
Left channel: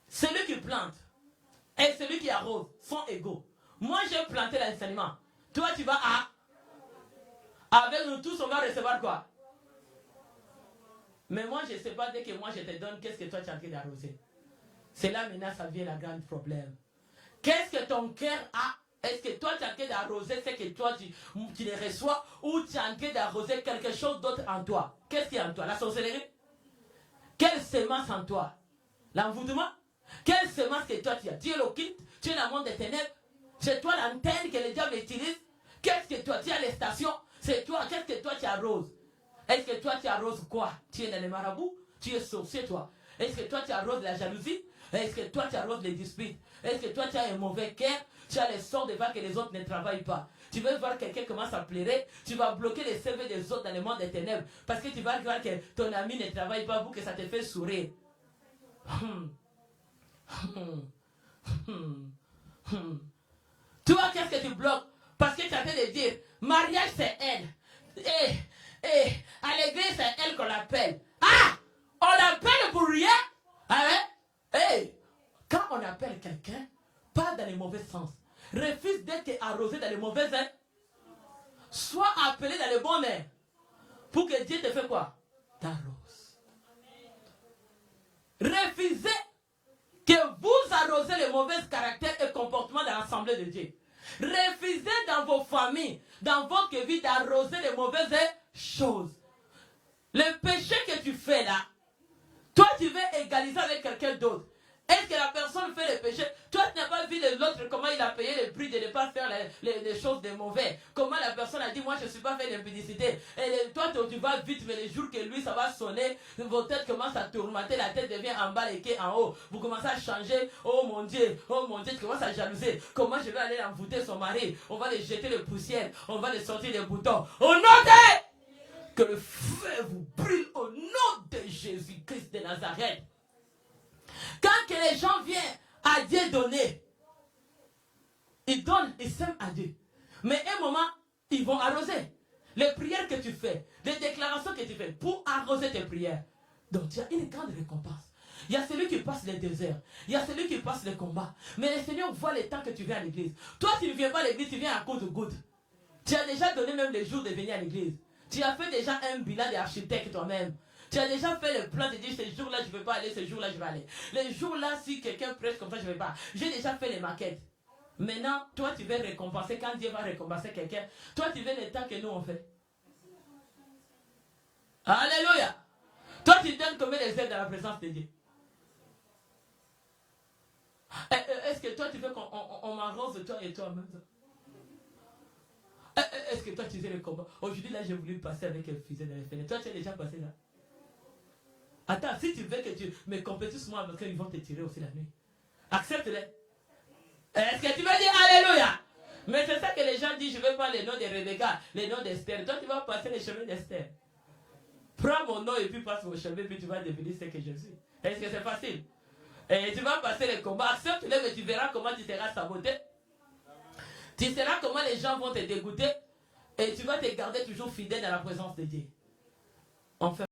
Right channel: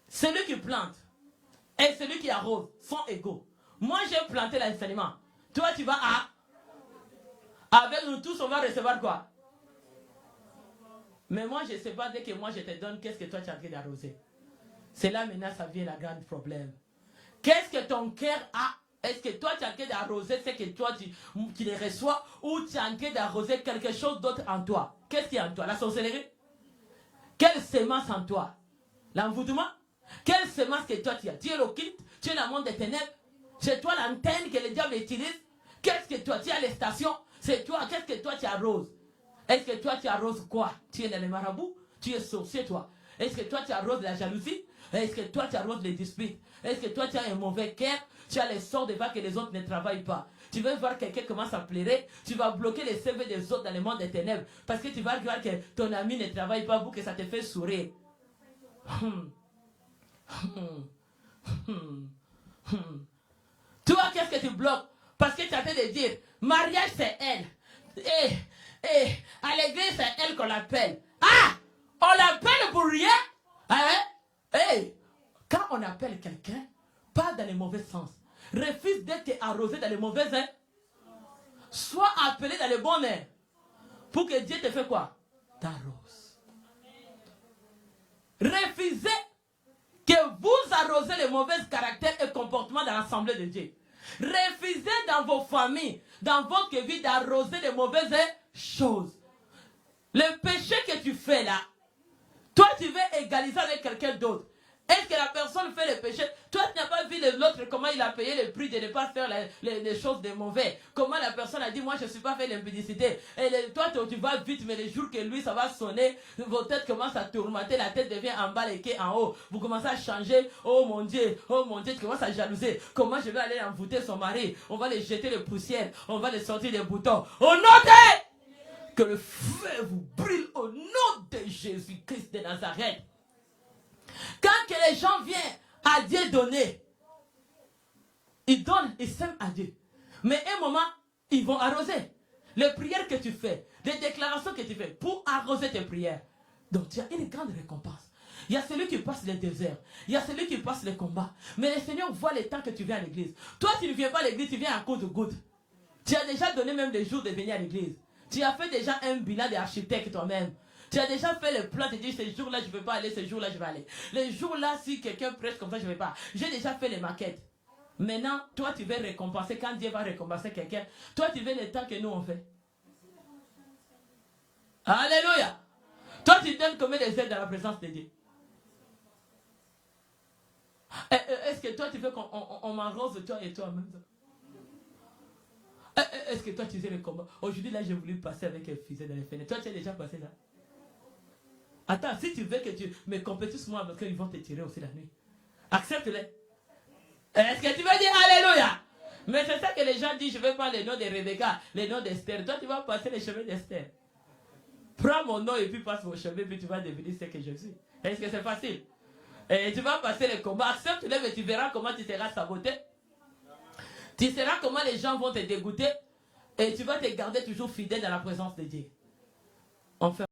Celui qui plante et celui qui arrose sont égaux. Moi, j'ai planté l'enseignement. Toi, tu vas à... Avec nous tous, on va recevoir quoi? Mais moi, je ne sais pas, dès que moi je te donne, qu'est-ce que toi tu as en train d'arroser? C'est là maintenant, ça devient le grand problème. Qu'est-ce que ton cœur a? Est-ce que toi tu as en train d'arroser ce que toi tu les reçois, ou tu as en train d'arroser quelque chose d'autre en toi? Qu'est-ce qui est en toi? La sorcellerie? Quelle semence en toi? L'envoûtement? Quelle semence que toi tu as? Tu es l'occulte? Tu es dans le monde des ténèbres? C'est toi l'antenne que le diable utilise? Qu'est-ce que toi tu as? Les stations? C'est toi, qu'est-ce que toi tu arroses? Est-ce que toi tu arroses quoi? Tu es dans les marabouts? Tu es sorcier toi? Est-ce que toi tu arroses la jalousie? Est-ce que toi tu arroses les disputes? Est-ce que toi tu as un mauvais cœur? Tu as les sorts de voir que les autres ne travaillent pas. Tu veux voir quelqu'un commence à pleurer, tu vas bloquer les CV des autres dans le monde des ténèbres. Parce que tu vas voir que ton ami ne travaille pas pour que ça te fait sourire. Tu vois qu'est-ce que tu bloques? Parce que tu as fait de dire, mariage c'est elle. À l'église c'est elle qu'on l'appelle. Ah! On l'appelle pour rien? Hein? Quand on appelle quelqu'un, pas dans le mauvais sens. Refuse d'être arrosé dans le mauvais sens. Sois appelé dans le bon air. Pour que Dieu te fait quoi? T'arrose. Refusez que vous arrosez les mauvais caractères et comportements dans l'assemblée de Dieu. Refusez dans vos familles, dans votre vie, d'arroser les mauvaises choses. Le péché que tu fais là, toi tu veux égaliser avec quelqu'un d'autre. Est-ce que la personne fait le péché? Toi tu n'as pas vu l'autre comment il a payé le prix de ne pas faire les choses de mauvais. Comment la personne a dit, moi je ne suis pas fait l'impudicité. Et toi tu vas vite, mais les jours que lui ça va sonner, vos têtes commencent à tourmenter, la tête devient en bas, les quais en haut. Vous commencez à changer. Oh mon Dieu, tu commences à jalouser. Comment je vais aller envoûter son mari? On va les jeter les poussières, on va les sortir les boutons. Au nom de... Que le feu vous brûle au nom de Jésus-Christ de Nazareth. Quand que les gens viennent à Dieu donner, ils donnent, ils s'aiment à Dieu. Mais à un moment, ils vont arroser. Les prières que tu fais, les déclarations que tu fais pour arroser tes prières. Donc tu as une grande récompense. Il y a celui qui passe les déserts. Il y a celui qui passe les combats. Mais le Seigneur voit le temps que tu viens à l'église. Toi, tu ne viens pas à l'église, tu viens à cause de gouttes. Tu as déjà donné même les jours de venir à l'église. Tu as fait déjà un bilan d'architecte toi-même. Tu as déjà fait le plan de dire, ce jour-là, je ne vais pas aller, ce jour-là, je vais aller. Les jours-là, si quelqu'un prêche comme ça, je ne vais pas. J'ai déjà fait les maquettes. Maintenant, toi, tu veux récompenser. Quand Dieu va récompenser quelqu'un, toi, tu veux le temps que nous, on fait. Alléluia. Toi, tu donnes combien de aides dans la présence de Dieu? Est-ce que toi, tu veux qu'on m'arrose toi et toi en même temps? Est-ce que toi, tu sais le combat? Aujourd'hui, là, j'ai voulu passer avec un fusil dans les fenêtres. Toi, tu es déjà passé là? Attends, si tu veux que tu me compétisses moi, parce qu'ils vont te tirer aussi la nuit. Accepte-les. Est-ce que tu veux dire Alléluia? Mais c'est ça que les gens disent, je ne veux pas les noms de Rebecca, les noms d'Esther. Toi, tu vas passer les chemins d'Esther. Prends mon nom et puis passe mon chemin, puis tu vas devenir ce que je suis. Est-ce que c'est facile? Et tu vas passer les combats. Accepte-les, mais tu verras comment tu seras saboté. Tu sauras comment les gens vont te dégoûter. Et tu vas te garder toujours fidèle dans la présence de Dieu. On fait